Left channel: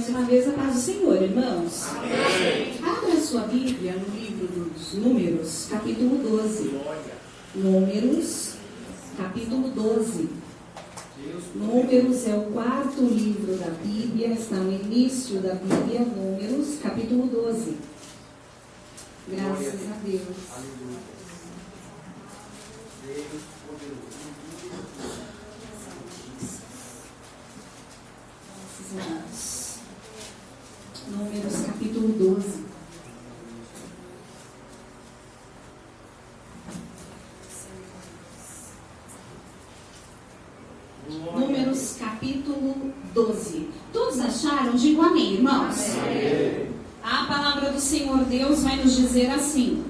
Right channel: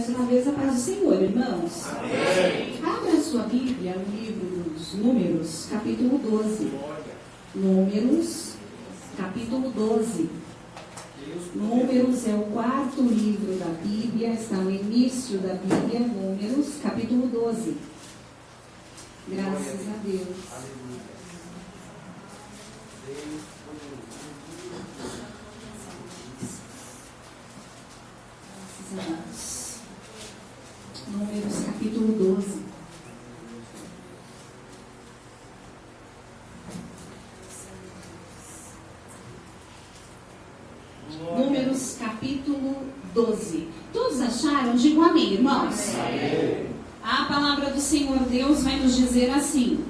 mais uma vez a paz do Senhor, irmãos. Amém. Abra sua Bíblia no livro dos Números, capítulo 12. Números, capítulo 12. Números é o quarto livro da Bíblia, está no início da Bíblia, Números, capítulo 12. Graças a Deus. Graças a Deus. Números, capítulo 12. Números, capítulo 12. Todos acharam? Digam amém, irmãos. Amém. A palavra do Senhor Deus vai nos dizer assim:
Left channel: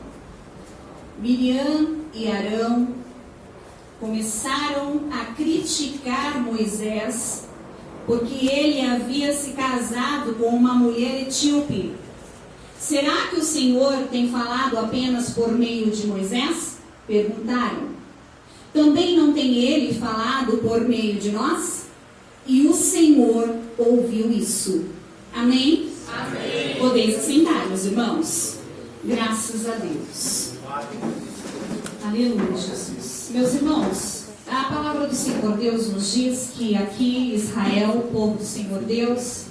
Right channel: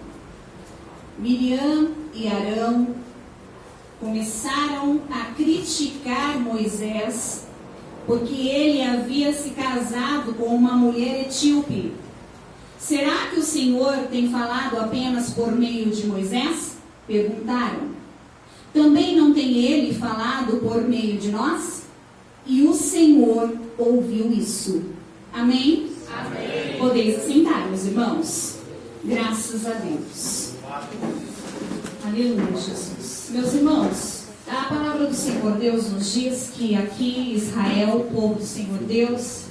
Miriam e Arão começaram a criticar Moisés porque ele havia se casado com uma mulher etíope. Será que o Senhor tem falado apenas por meio de Moisés? Perguntaram. Também não tem ele falado por meio de nós? E o Senhor ouviu isso. Amém? Amém. Podeis assentar, meus irmãos. Graças a Deus. Aleluia, Jesus. Meus irmãos, a palavra do Senhor Deus nos diz que aqui Israel, o povo do Senhor Deus,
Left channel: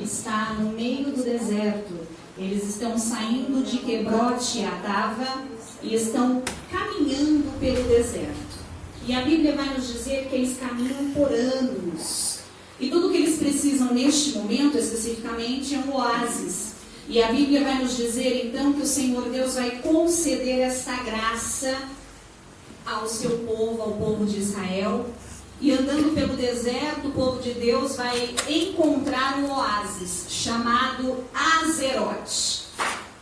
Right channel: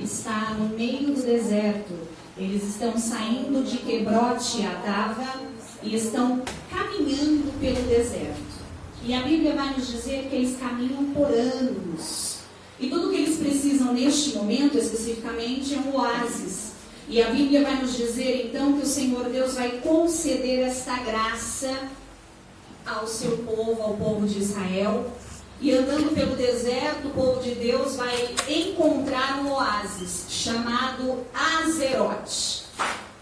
está no meio do deserto. Eles estão saindo de Quebrote e Adava e estão caminhando pelo deserto. E a Bíblia vai nos dizer que eles caminham por anos. E tudo que eles precisam neste momento, especificamente, é um oásis. E a Bíblia vai nos dizer, então, que o Senhor Deus vai conceder esta graça ao seu povo, ao povo de Israel. E andando pelo deserto, o povo de Deus vai encontrar um oásis chamado Azerote.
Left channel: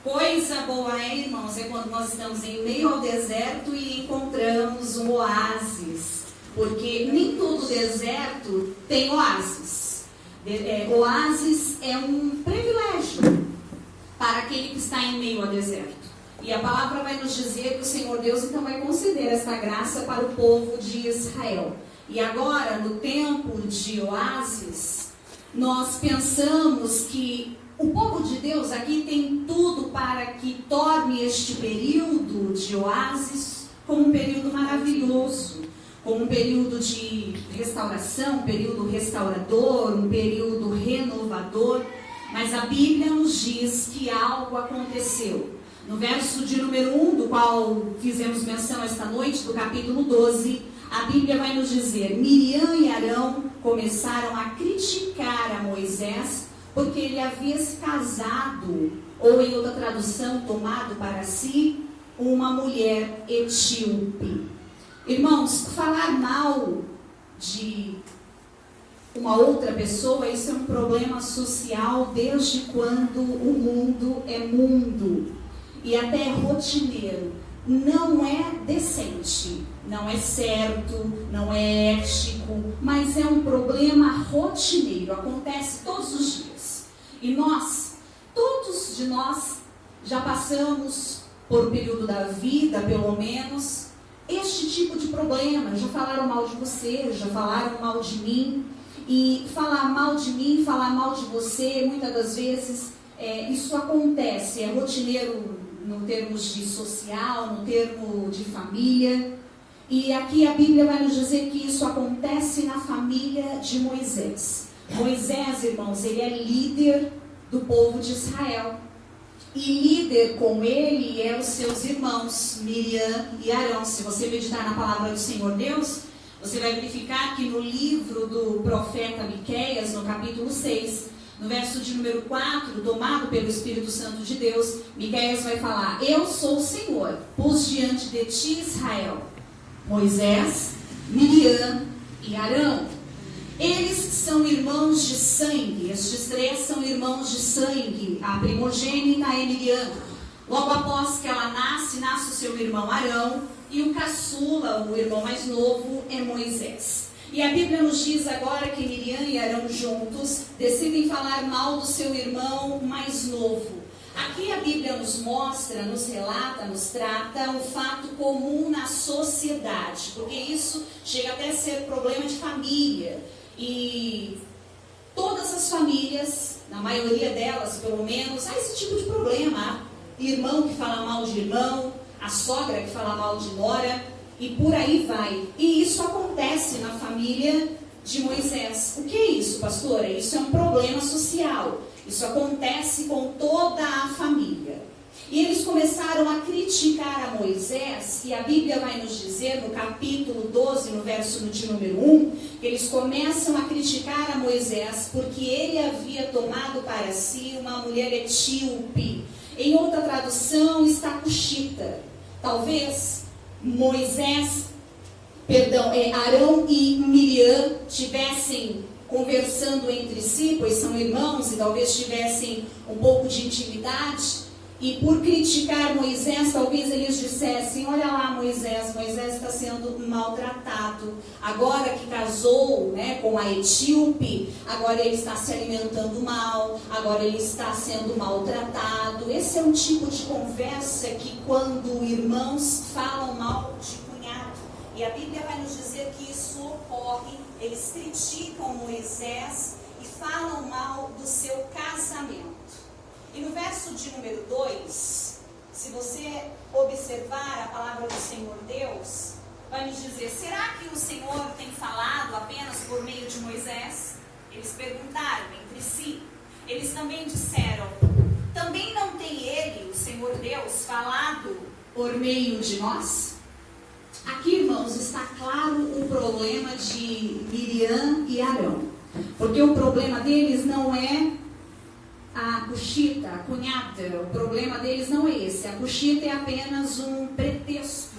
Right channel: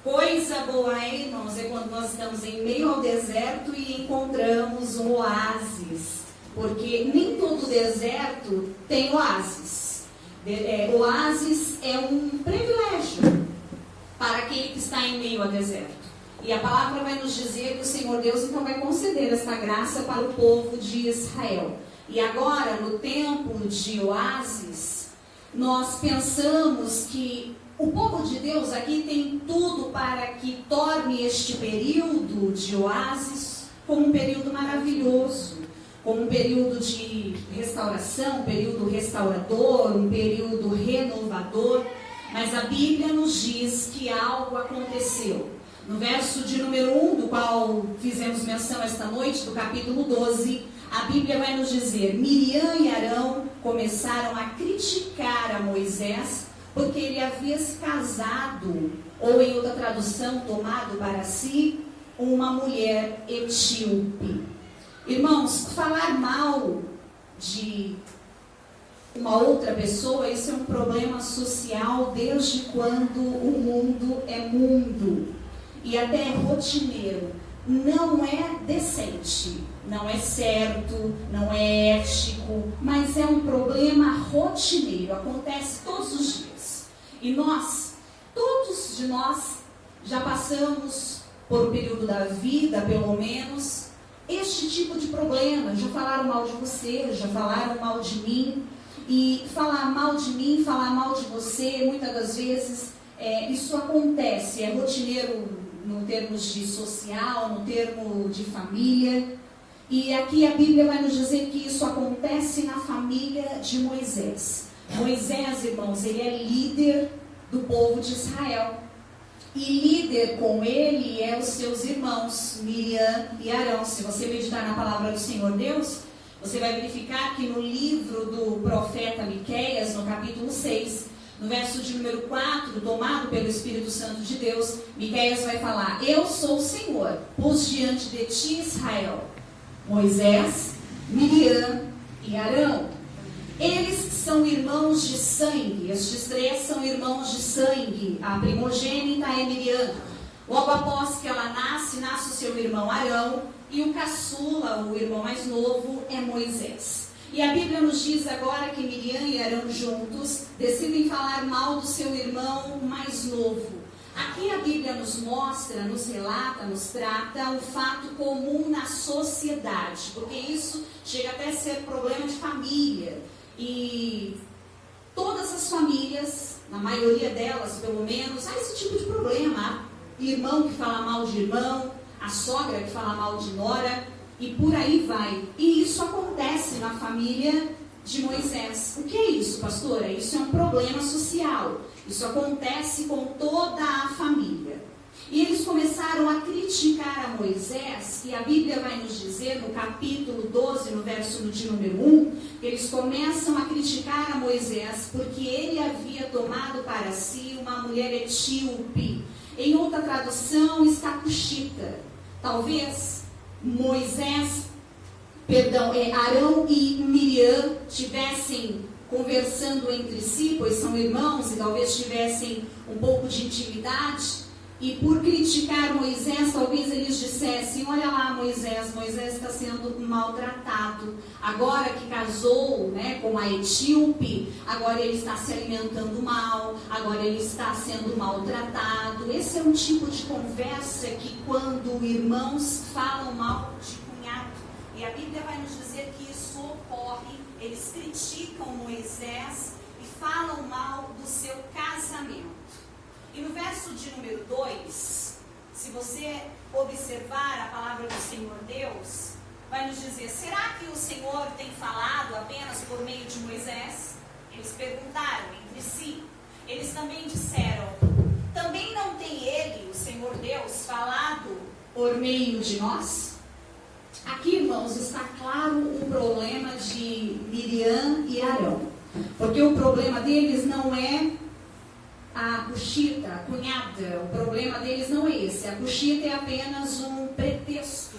Coisa boa, hein, irmãos, é quando nós estamos em meio ao deserto e encontramos um oásis. Porque nem todo deserto tem oásis. Oásis é um privilégio para aquele que está em meio ao deserto. E a palavra vai nos dizer que o Senhor Deus então vai conceder essa graça para o povo de Israel. E agora, no tempo de oásis, nós pensamos que o povo de Deus aqui tem tudo para que torne este período de oásis como um período maravilhoso, como um período de restauração, um período restaurador, um período renovador. Mas a Bíblia nos diz que algo aconteceu. No verso de número 1, do qual fizemos menção esta noite, do capítulo 12, a Bíblia vai nos dizer: Miriam e Arão começaram a criticar a Moisés porque ele havia se casado, ou em outra tradução, tomado para si uma mulher etíope. Irmãos, falar mal de uma outra pessoa, isso é um problema social desde quando o mundo é mundo e até é rotineiro. Não é decente, não é certo, não é ético, mas é um problema rotineiro, acontece todos os dias. E nós, todos de nós, já passamos por um período da vida, pelo menos, este tipo de problema. Já falaram mal de você, já falaram mal de mim. E falar mal de mim, falar mal de você, muitas das vezes, isso acontece, é rotineiro no termos de social, no termo de família. E aqui a Bíblia vai nos dizer que isso acontece na família de Moisés. Moisés, irmãos, ele é líder do povo de Israel. E líder com ele é os seus irmãos, Miriam e Arão. Se você meditar na palavra do Senhor Deus, você vai verificar que no livro do profeta Miqueias, no capítulo 6, no verso de número 4, tomado pelo Espírito Santo de Deus, Miqueias vai falar: Eu sou o Senhor, pus diante de ti Israel, Moisés, Miriam e Arão. Eles são irmãos de sangue, estes três são irmãos de sangue. A primogênita é Miriam. Logo após que ela nasce o seu irmão Arão, e o caçula, o irmão mais novo, é Moisés. E a Bíblia nos diz agora que Miriam e Arão juntos decidem falar mal do seu irmão mais novo. Aqui a Bíblia nos mostra, nos relata, nos trata o fato comum na sociedade, porque isso chega até a ser problema de família. E todas as famílias, na maioria delas, pelo menos, há esse tipo de problema. Há irmão que fala mal de irmão, a sogra que fala mal de nora, e por aí vai. E isso acontece na família de Moisés. O que é isso, pastora? Isso é um problema social. Isso acontece com toda a família. E eles começaram a criticar a Moisés, e a Bíblia vai nos dizer, no capítulo 12, no verso de número 1, que eles começam a criticar a Moisés, porque ele havia tomado para si uma mulher etíope. Em outra tradução está cuxita. Talvez Arão e Miriam tivessem conversando entre si, pois são irmãos, e talvez tivessem um pouco de intimidade. E por criticar Moisés, talvez eles dissessem: olha lá, Moisés está sendo maltratado. Agora que casou, com a etíope, agora ele está se alimentando mal, agora ele está sendo maltratado. Esse é um tipo de conversa que quando irmãos falam mal de cunhado. E a Bíblia vai nos dizer que isso ocorre. Eles criticam Moisés e falam mal do seu casamento. E no verso de número 2, se você observar a palavra do Senhor Deus, vai nos dizer: será que o Senhor tem falado apenas por meio de Moisés? Eles perguntaram entre si. Eles também disseram: também não tem ele, o Senhor Deus, falado por meio de nós? Aqui, irmãos, está claro o problema de Miriam e Arão. Porque o problema deles não é a cuxita, a cunhada. O problema deles não é esse. A cuxita é apenas um pretexto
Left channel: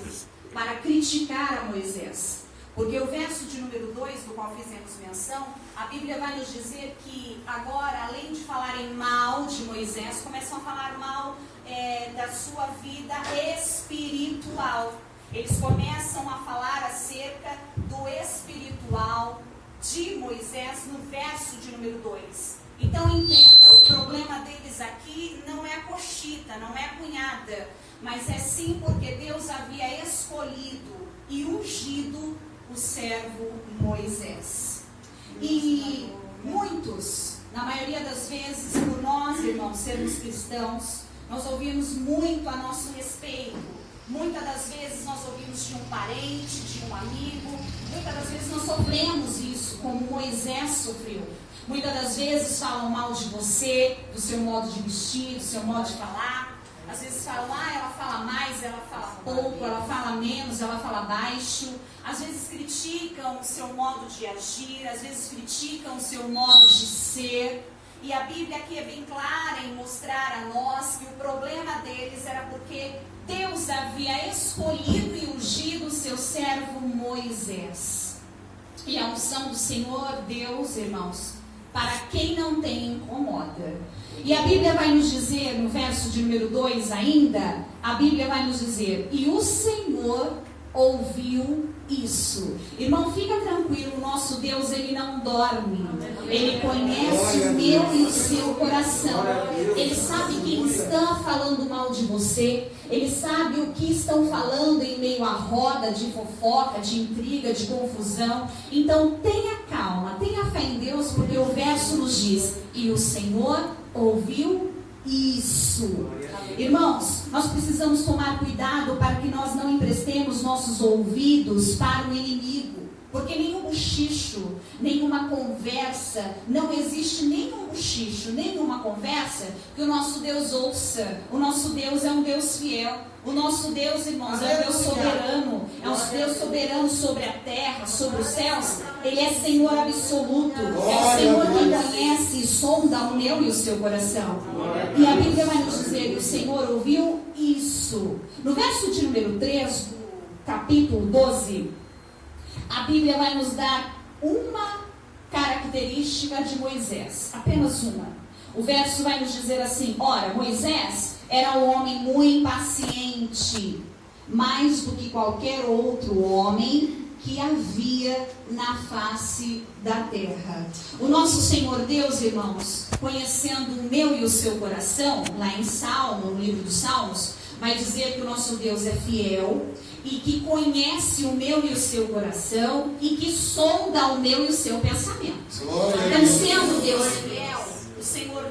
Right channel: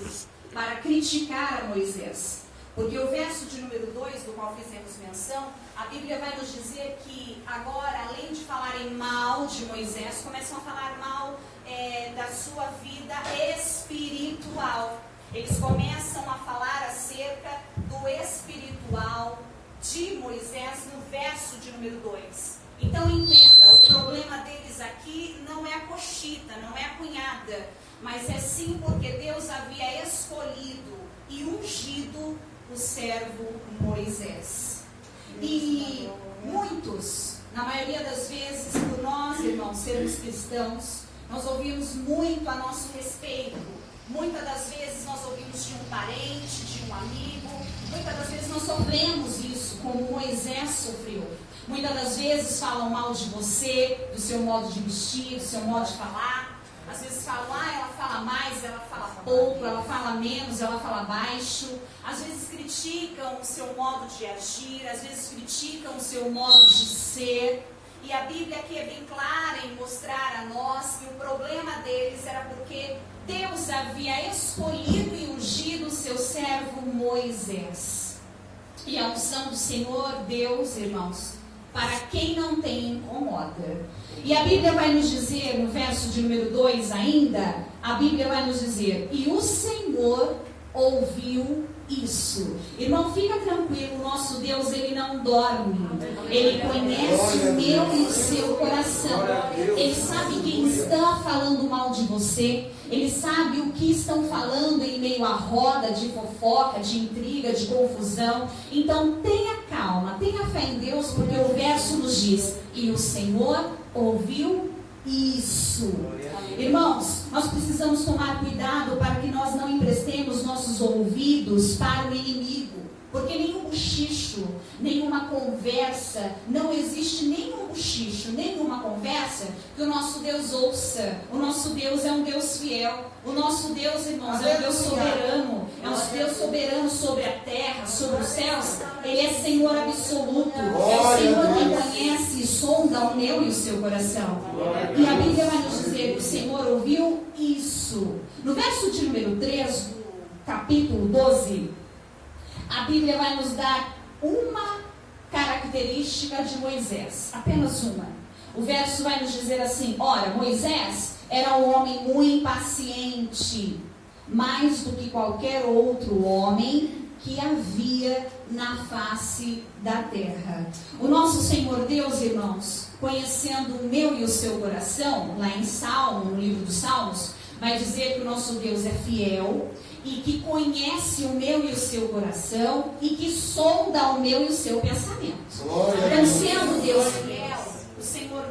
para criticar a Moisés. Porque o verso de número 2, do qual fizemos menção, a Bíblia vai nos dizer que agora, além de falarem mal de Moisés, começam a falar mal da sua vida espiritual. Eles começam a falar acerca do espiritual de Moisés no verso de número 2. Então entenda, o problema deles aqui não é a coxita, não é a cunhada, mas é sim porque Deus havia escolhido e ungido o servo Moisés. E muitos, na maioria das vezes, por nós, irmãos, sermos cristãos, nós ouvimos muito a nosso respeito. Muitas das vezes nós ouvimos de um parente, de um amigo. Muitas das vezes nós sofremos isso, como Moisés sofreu. Muitas das vezes falam mal de você, do seu modo de vestir, do seu modo de falar. Às vezes falam: ela fala mais, ela fala pouco, ela fala menos, ela fala baixo. Às vezes criticam o seu modo de agir, às vezes criticam o seu modo de ser. E a Bíblia aqui é bem clara em mostrar a nós que o problema deles era porque Deus havia escolhido e ungido o seu servo Moisés. E a unção do Senhor Deus, irmãos, para quem não tem, incomoda. E a Bíblia vai nos dizer, no verso de número 2 ainda, a Bíblia vai nos dizer: e o Senhor ouviu isso. Irmão, fica tranquilo, nosso Deus, Ele não dorme. Ele conhece o meu e o seu coração. Ele sabe quem está falando mal de você. Ele sabe o que estão falando em meio à roda de fofoca, de intriga, de confusão. Então tenha calma, tenha fé em Deus, porque o verso nos diz: e o Senhor ouviu isso. Irmãos, nós precisamos tomar cuidado para que nós não emprestemos nossos ouvidos para o inimigo, porque nenhum bochicho, nenhuma conversa, não existe nenhum bochicho, nenhuma conversa que o nosso Deus ouça. O nosso Deus é um Deus fiel. O nosso Deus, irmãos, é um Deus soberano. É um Deus soberano sobre a terra, sobre os céus. Ele é Senhor absoluto. É o Senhor que conhece e sonda o meu e o seu coração. E a Bíblia vai nos dizer que o Senhor ouviu isso. No verso de número 3, do capítulo 12, a Bíblia vai nos dar uma característica de Moisés. Apenas uma. O verso vai nos dizer assim: ora, Moisés era um homem muito impaciente, mais do que qualquer outro homem que havia na face da terra. O nosso Senhor Deus, irmãos, conhecendo o meu e o seu coração, lá em Salmo, no livro dos Salmos, vai dizer que o nosso Deus é fiel e que conhece o meu e o seu coração e que sonda o meu e o seu pensamento. Então, sendo Deus fiel, o Senhor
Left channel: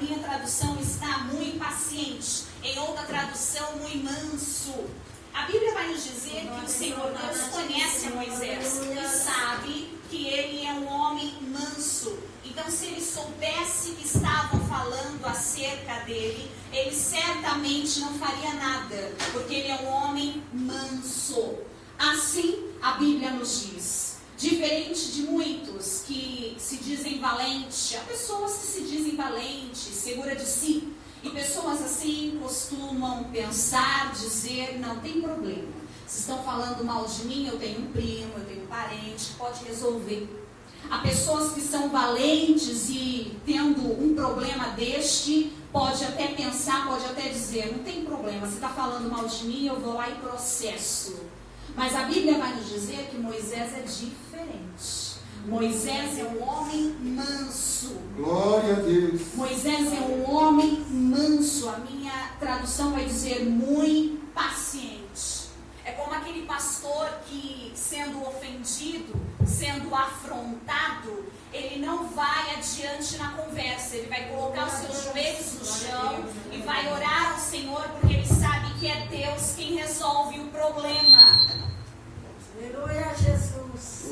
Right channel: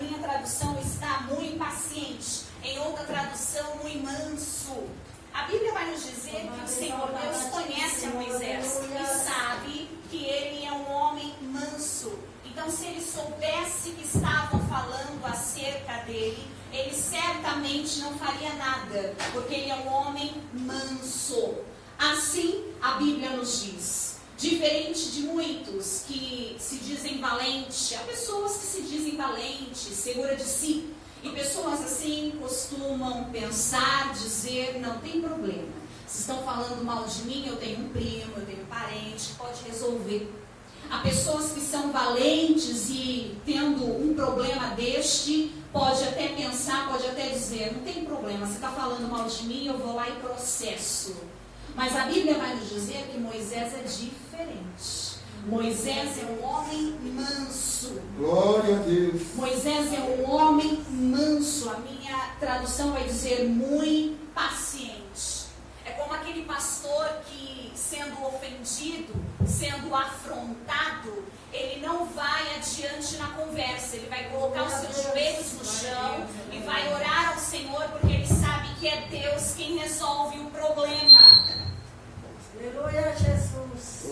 minha tradução está muito paciente. Em outra tradução, muito manso. A Bíblia vai nos dizer que o Senhor Deus conhece a Moisés e sabe que ele é um homem manso. Então, se ele soubesse que estavam falando acerca dele, ele certamente não faria nada, porque ele é um homem manso. Assim, a Bíblia nos diz. Diferente de muitos que se dizem valentes, há pessoas que se dizem valentes, segura de si. E pessoas assim costumam pensar, dizer, não tem problema. Se estão falando mal de mim, eu tenho um primo, eu tenho um parente que pode resolver. Há pessoas que são valentes e tendo um problema deste, pode até pensar, pode até dizer, não tem problema, você está falando mal de mim, eu vou lá e processo. Mas a Bíblia vai nos dizer que Moisés é diferente. Moisés é um homem manso. Glória a Deus. Moisés é um homem manso. A minha tradução vai dizer muito paciente. É como aquele pastor que, sendo ofendido, sendo afrontado, ele não vai adiante na conversa. Ele vai colocar os seus joelhos no chão e vai orar ao Senhor, porque ele sabe que é Deus quem resolve o problema. Aleluia, Jesus.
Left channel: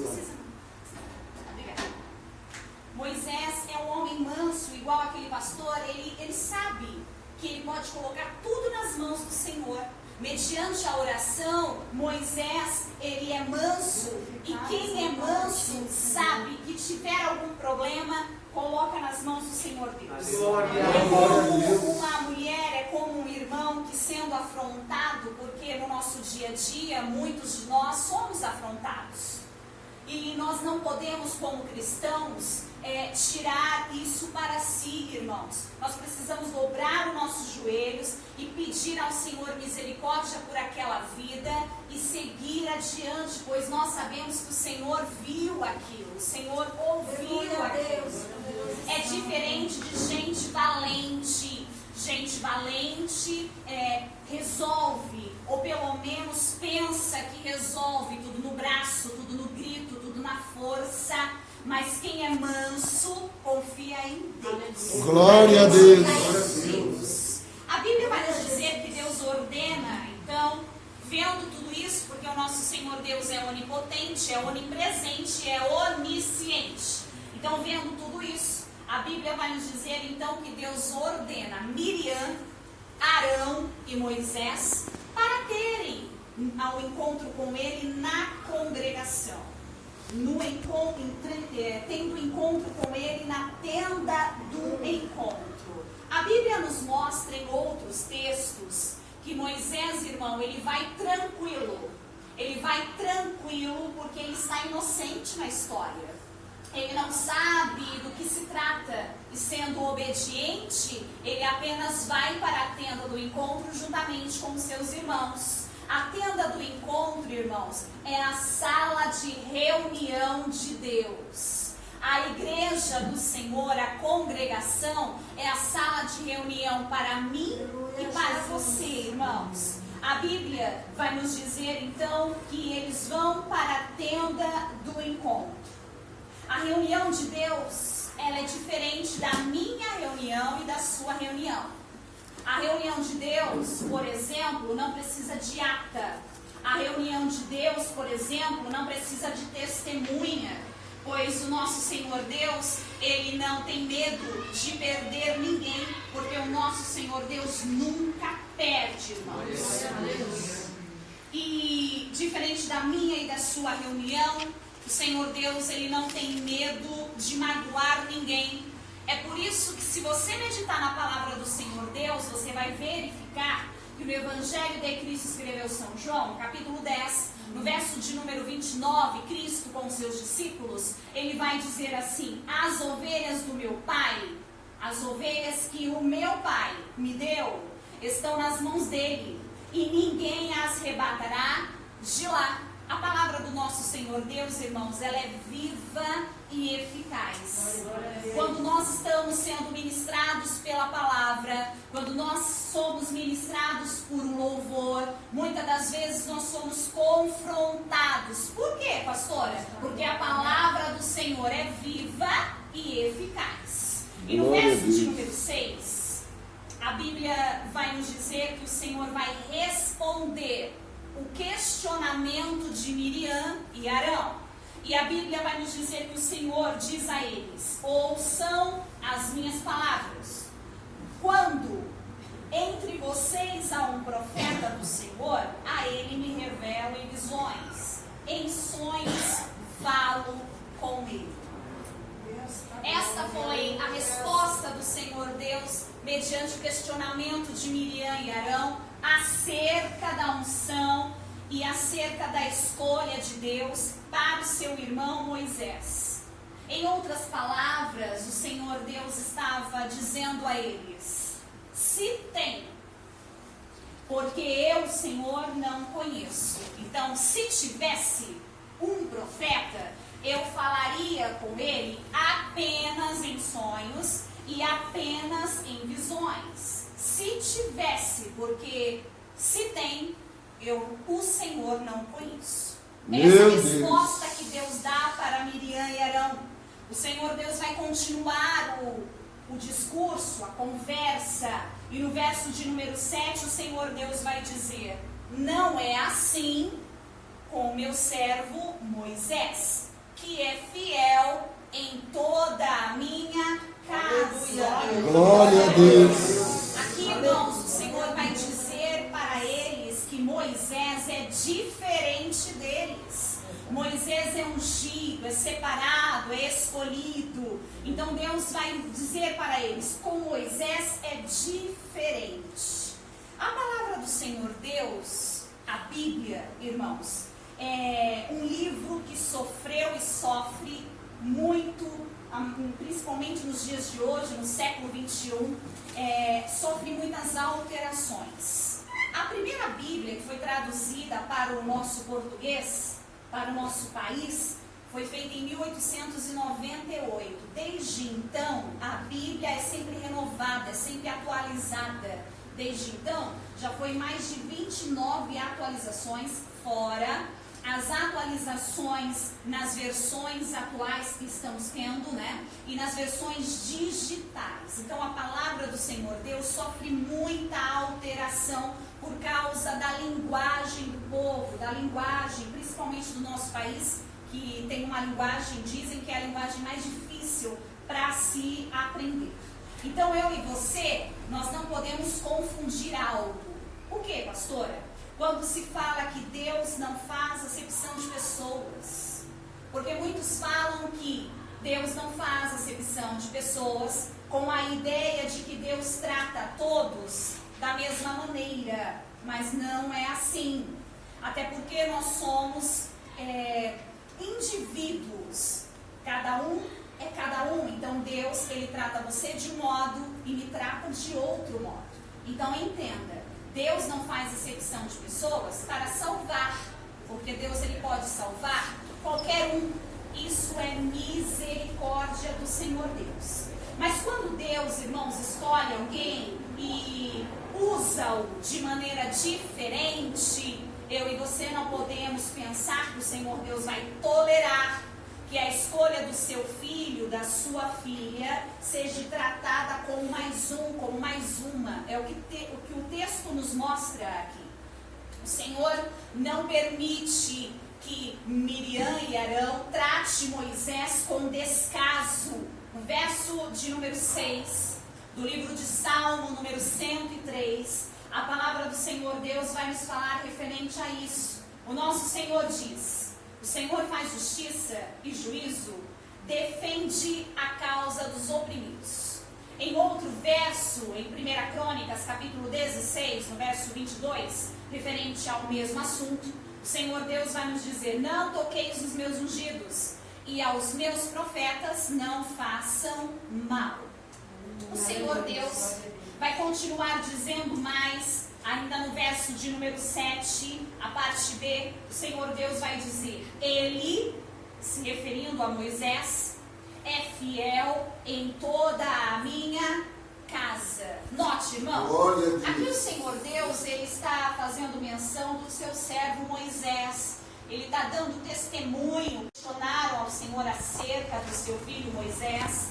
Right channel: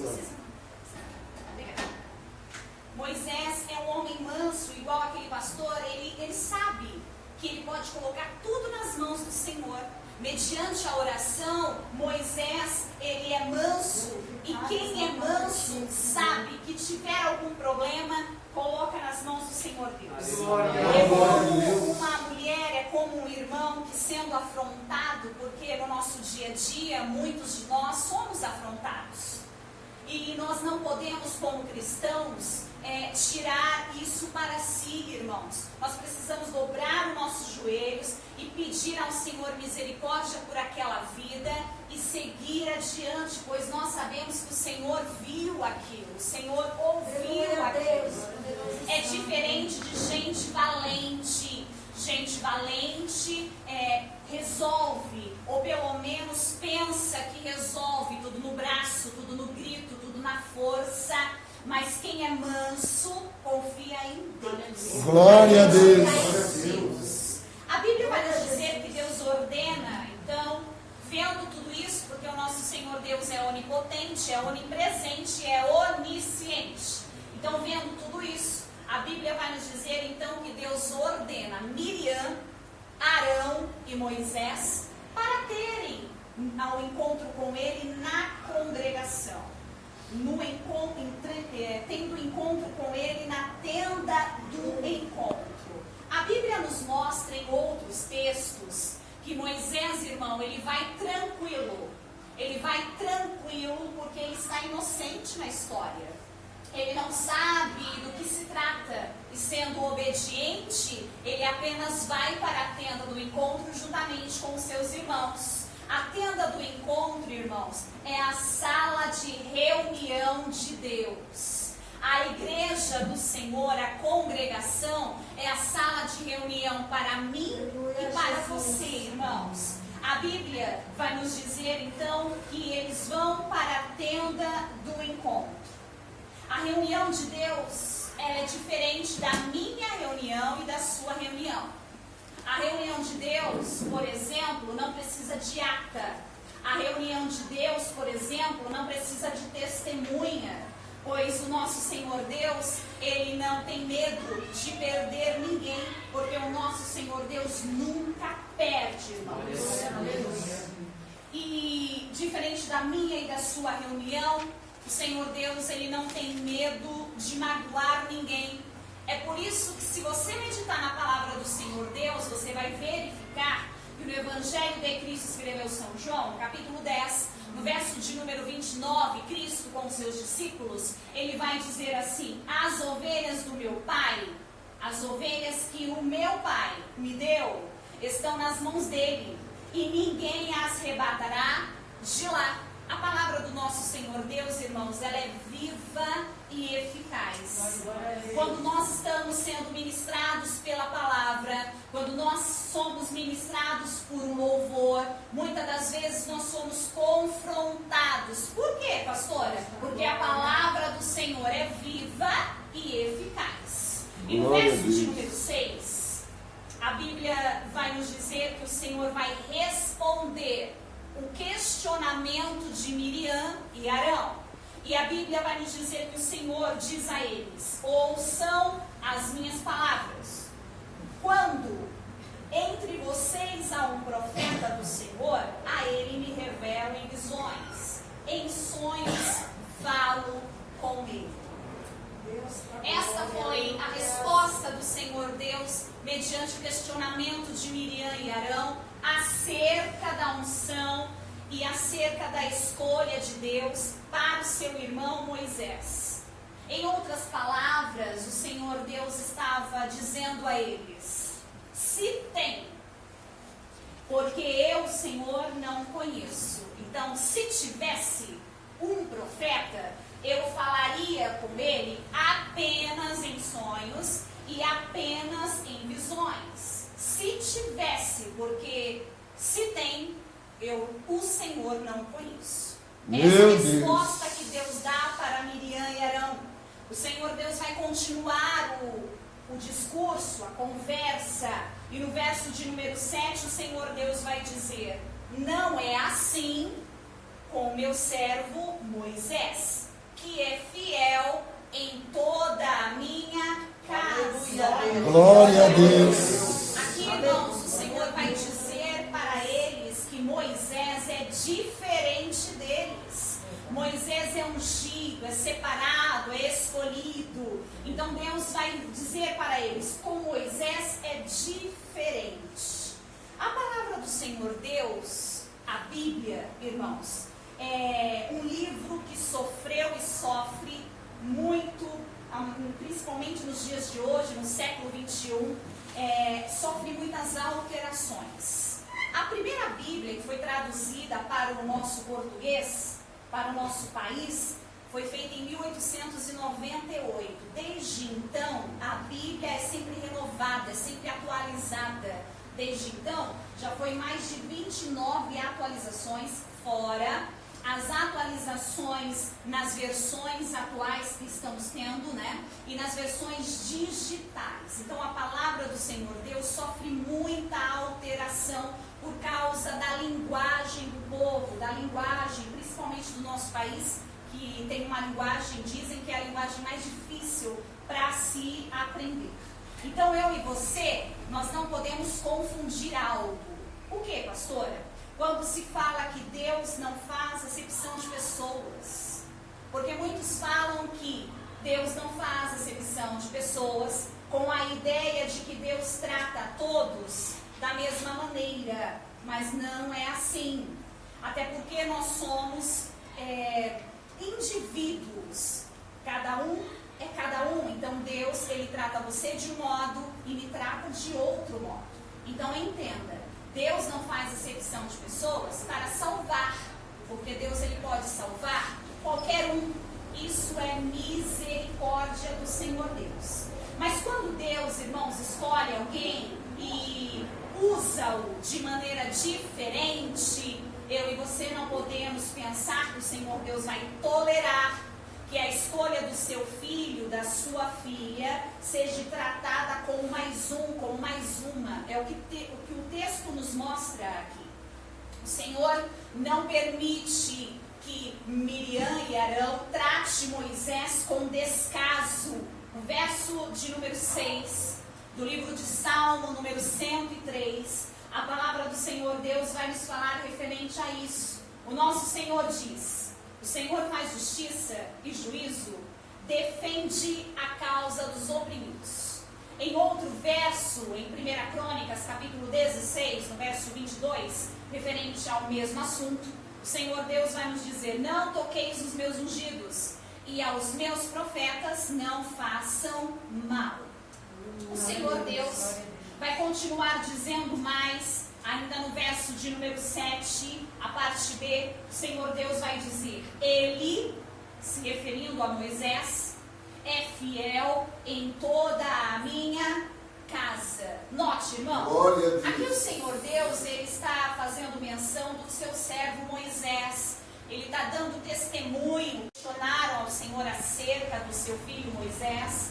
Moisés é um homem manso, igual aquele pastor. Ele sabe que ele pode colocar tudo nas mãos do Senhor. Mediante a oração, Moisés, ele é manso. E quem é manso sabe que tiver algum problema, coloca nas mãos do Senhor Deus. É como uma mulher, é como um irmão que, sendo afrontado, porque no nosso dia a dia, muitos de nós somos afrontados. E nós não podemos, como cristãos, tirar isso para si, irmãos. Nós precisamos dobrar os nossos joelhos e pedir ao Senhor misericórdia por aquela vida e seguir adiante, pois nós sabemos que o Senhor viu aquilo, o Senhor ouviu aquilo. É diferente de gente valente. Gente valente resolve, ou pelo menos pensa que resolve tudo no braço, tudo no grito, tudo na força. Mas quem é manso, confia em Deus. Glória a Deus. A Bíblia vai nos dizer que Deus ordena. Então, vendo tudo isso, porque o nosso Senhor Deus é onipotente, é onipresente, é onisciente. Então, vendo tudo isso, a Bíblia vai nos dizer, então, que Deus ordena Miriam, Arão e Moisés para terem ao encontro com ele na congregação. Tendo encontro com ele na tenda do encontro. A Bíblia nos mostra em outros textos que Moisés, irmão, ele vai tranquilo. Ele vai tranquilo porque ele está inocente na história. Ele não sabe do que se trata. E sendo obediente, ele apenas vai para a tenda do encontro juntamente com os seus irmãos. A tenda do encontro, irmãos, é a sala de reunião de Deus. A igreja do Senhor, a congregação, é a sala de reunião para mim e para você, irmãos. A Bíblia vai nos dizer, então, que eles vão para a tenda do encontro. A reunião de Deus, ela é diferente da minha reunião e da sua reunião. A reunião de Deus, por exemplo, não precisa de ata. A reunião de Deus, por exemplo, não precisa de testemunha. Pois o nosso Senhor Deus, ele não tem medo de perder ninguém. Porque o nosso Senhor Deus nunca perde, irmãos. E diferente da minha e da sua reunião, o Senhor Deus, ele não tem medo de magoar ninguém. É por isso que, se você meditar na palavra do Senhor Deus, você vai verificar que no Evangelho de Cristo escreveu São João, capítulo 10, no verso de número 29, Cristo com os seus discípulos, ele vai dizer assim: as ovelhas do meu Pai, as ovelhas que o meu Pai me deu, estão nas mãos dele, e ninguém as arrebatará de lá. A palavra do nosso Senhor Deus, irmãos, ela é viva e eficaz. Quando nós estamos sendo ministrados pela palavra, quando nós somos ministrados por um louvor, muitas das vezes nós somos confrontados. Por quê, pastora? Porque a palavra do Senhor é viva e eficaz. E no verso de número 6, Bíblia vai nos dizer que o Senhor vai responder o questionamento de Miriam e Arão. E a Bíblia vai nos dizer que o Senhor diz a eles: ouçam as minhas palavras. Quando entre vocês há um profeta do Senhor, a ele me revelo em visões, em sonhos falo com ele. Esta foi a resposta do Senhor Deus mediante o questionamento de Miriam e Arão acerca da unção e acerca da escolha de Deus para o seu irmão Moisés. Em outras palavras, o Senhor Deus estava dizendo a eles: se tem, porque eu, Senhor, não conheço. Então, se tivesse um profeta, eu falaria com ele apenas em sonhos e apenas em visões. Se tivesse, porque se tem, eu, o Senhor, não conheço. Essa é a resposta que Deus dá para Miriam e Arão. O Senhor Deus vai continuar o discurso, a conversa, e no verso de número 7 o Senhor Deus vai dizer: não é assim com o meu servo Moisés, que é fiel em toda a minha casa. Glória a Deus. Aqui, irmãos, o Senhor vai dizer para eles que Moisés é diferente deles. Moisés é ungido, é separado, é escolhido. Então Deus vai dizer para eles: com Moisés é diferente. A palavra do Senhor Deus, a Bíblia, irmãos, é um livro que sofreu e sofre muito, principalmente nos dias de hoje, no século 21, sofre muitas alterações. A primeira Bíblia que foi traduzida para o nosso português, para o nosso país, foi feita em 1898. Desde então, a Bíblia é sempre renovada, é sempre atualizada. Desde então, já foi mais de 29 atualizações, fora as atualizações nas versões atuais que estamos tendo, né? E nas versões digitais. Então, a palavra do Senhor Deus sofre muita alteração por causa da linguagem do povo, da linguagem, principalmente do nosso país, que tem uma linguagem, dizem que é a linguagem mais difícil para se aprender. Então, eu e você, nós não podemos confundir algo. O que, pastora? Quando se fala que Deus não faz acepção de pessoas. Porque muitos falam que Deus não faz acepção de pessoas com a ideia de que Deus trata todos da mesma maneira. Mas não é assim. Até porque nós somos indivíduos. Cada um é cada um. Então Deus, ele trata você de um modo e lhe trata de outro modo. Então entenda. Deus não faz acepção de pessoas para salvar, porque Deus, ele pode salvar qualquer um. Isso é misericórdia do Senhor Deus. Mas quando Deus, irmãos, escolhe alguém e usa-o de maneira diferente, eu e você não podemos pensar que o Senhor Deus vai tolerar que a escolha do seu filho, da sua filha, seja tratada como mais um, como mais uma. É o que o texto nos mostra aqui. O Senhor não permite que Miriam e Arão trate Moisés com descaso. No verso de número 6, do livro de Salmo, número 103, a palavra do Senhor Deus vai nos falar referente a isso. O nosso Senhor diz: o Senhor faz justiça e juízo, defende a causa dos oprimidos. Em outro verso, em 1 Crônicas, capítulo 16, no verso 22, referente ao mesmo assunto, o Senhor Deus vai nos dizer: não toqueis os meus ungidos, e aos meus profetas não façam mal. O Senhor Deus vai continuar dizendo mais. Ainda no verso de número 7, a parte B, o Senhor Deus vai dizer: ele, se referindo a Moisés, é fiel em toda a minha casa. Note, irmão, aqui o Senhor Deus, ele está fazendo menção do seu servo Moisés. Ele está dando testemunho. Questionaram ao Senhor acerca do seu filho Moisés.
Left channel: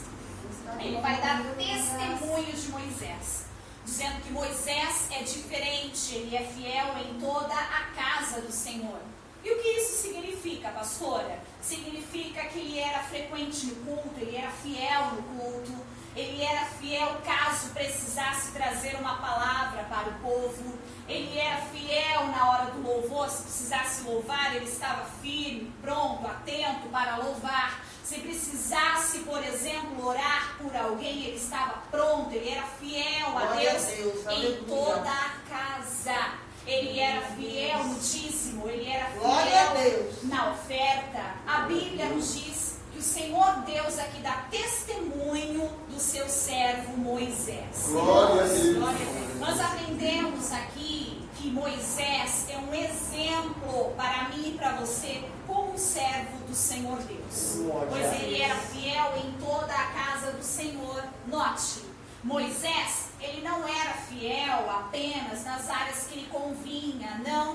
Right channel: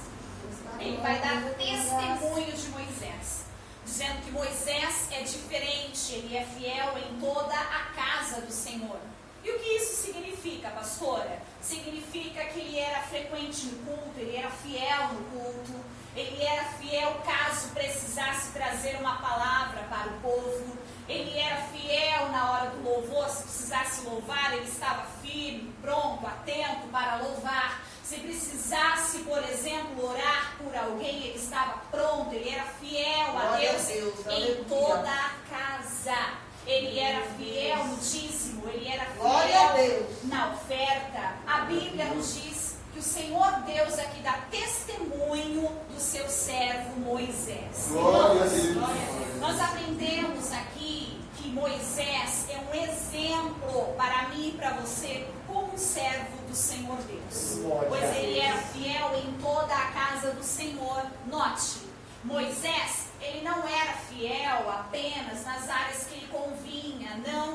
Ele vai dar testemunho de Moisés. O dizendo que Moisés é diferente, ele é fiel em toda a casa do Senhor. E o que isso significa, pastora? Significa que ele era frequente no culto, ele era fiel no culto, ele era fiel caso precisasse trazer uma palavra para o povo, ele era fiel na hora do louvor, se precisasse louvar, ele estava firme, pronto, atento para louvar. Se precisasse, por exemplo, orar por alguém, ele estava pronto, ele era fiel a Deus em toda a casa. Ele era fiel no dízimo, ele era fiel na oferta. A Bíblia nos diz que o Senhor Deus aqui dá testemunho do seu servo Moisés. Glória a Deus. Nós aprendemos aqui que Moisés é um exemplo para mim e para você como servo do Senhor Deus. Pois ele era fiel em toda a casa do Senhor. Note, Moisés, ele não era fiel apenas nas áreas que lhe convinha. Não.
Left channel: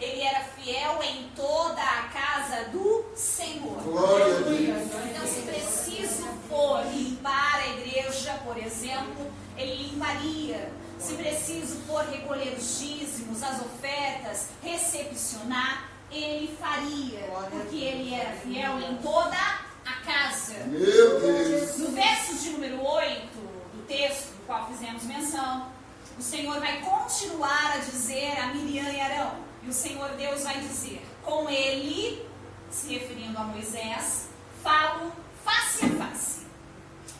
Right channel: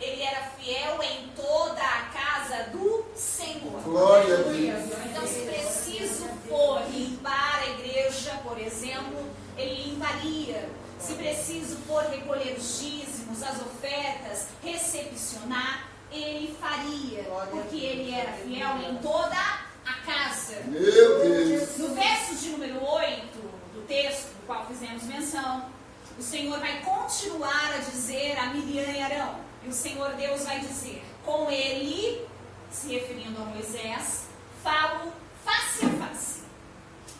Ele era fiel em toda a casa do Senhor. Glória a Deus. Então, se preciso for limpar a igreja, por exemplo, ele limparia. Se preciso for recolher os dízimos, as ofertas, recepcionar, ele faria. Porque ele era fiel em toda a casa. Meu Deus. No verso de número 8 do texto, do qual fizemos menção, o Senhor vai continuar a dizer a Miriam e Arão. E o Senhor Deus vai dizer, com ele, se referindo a Moisés, falo face a face.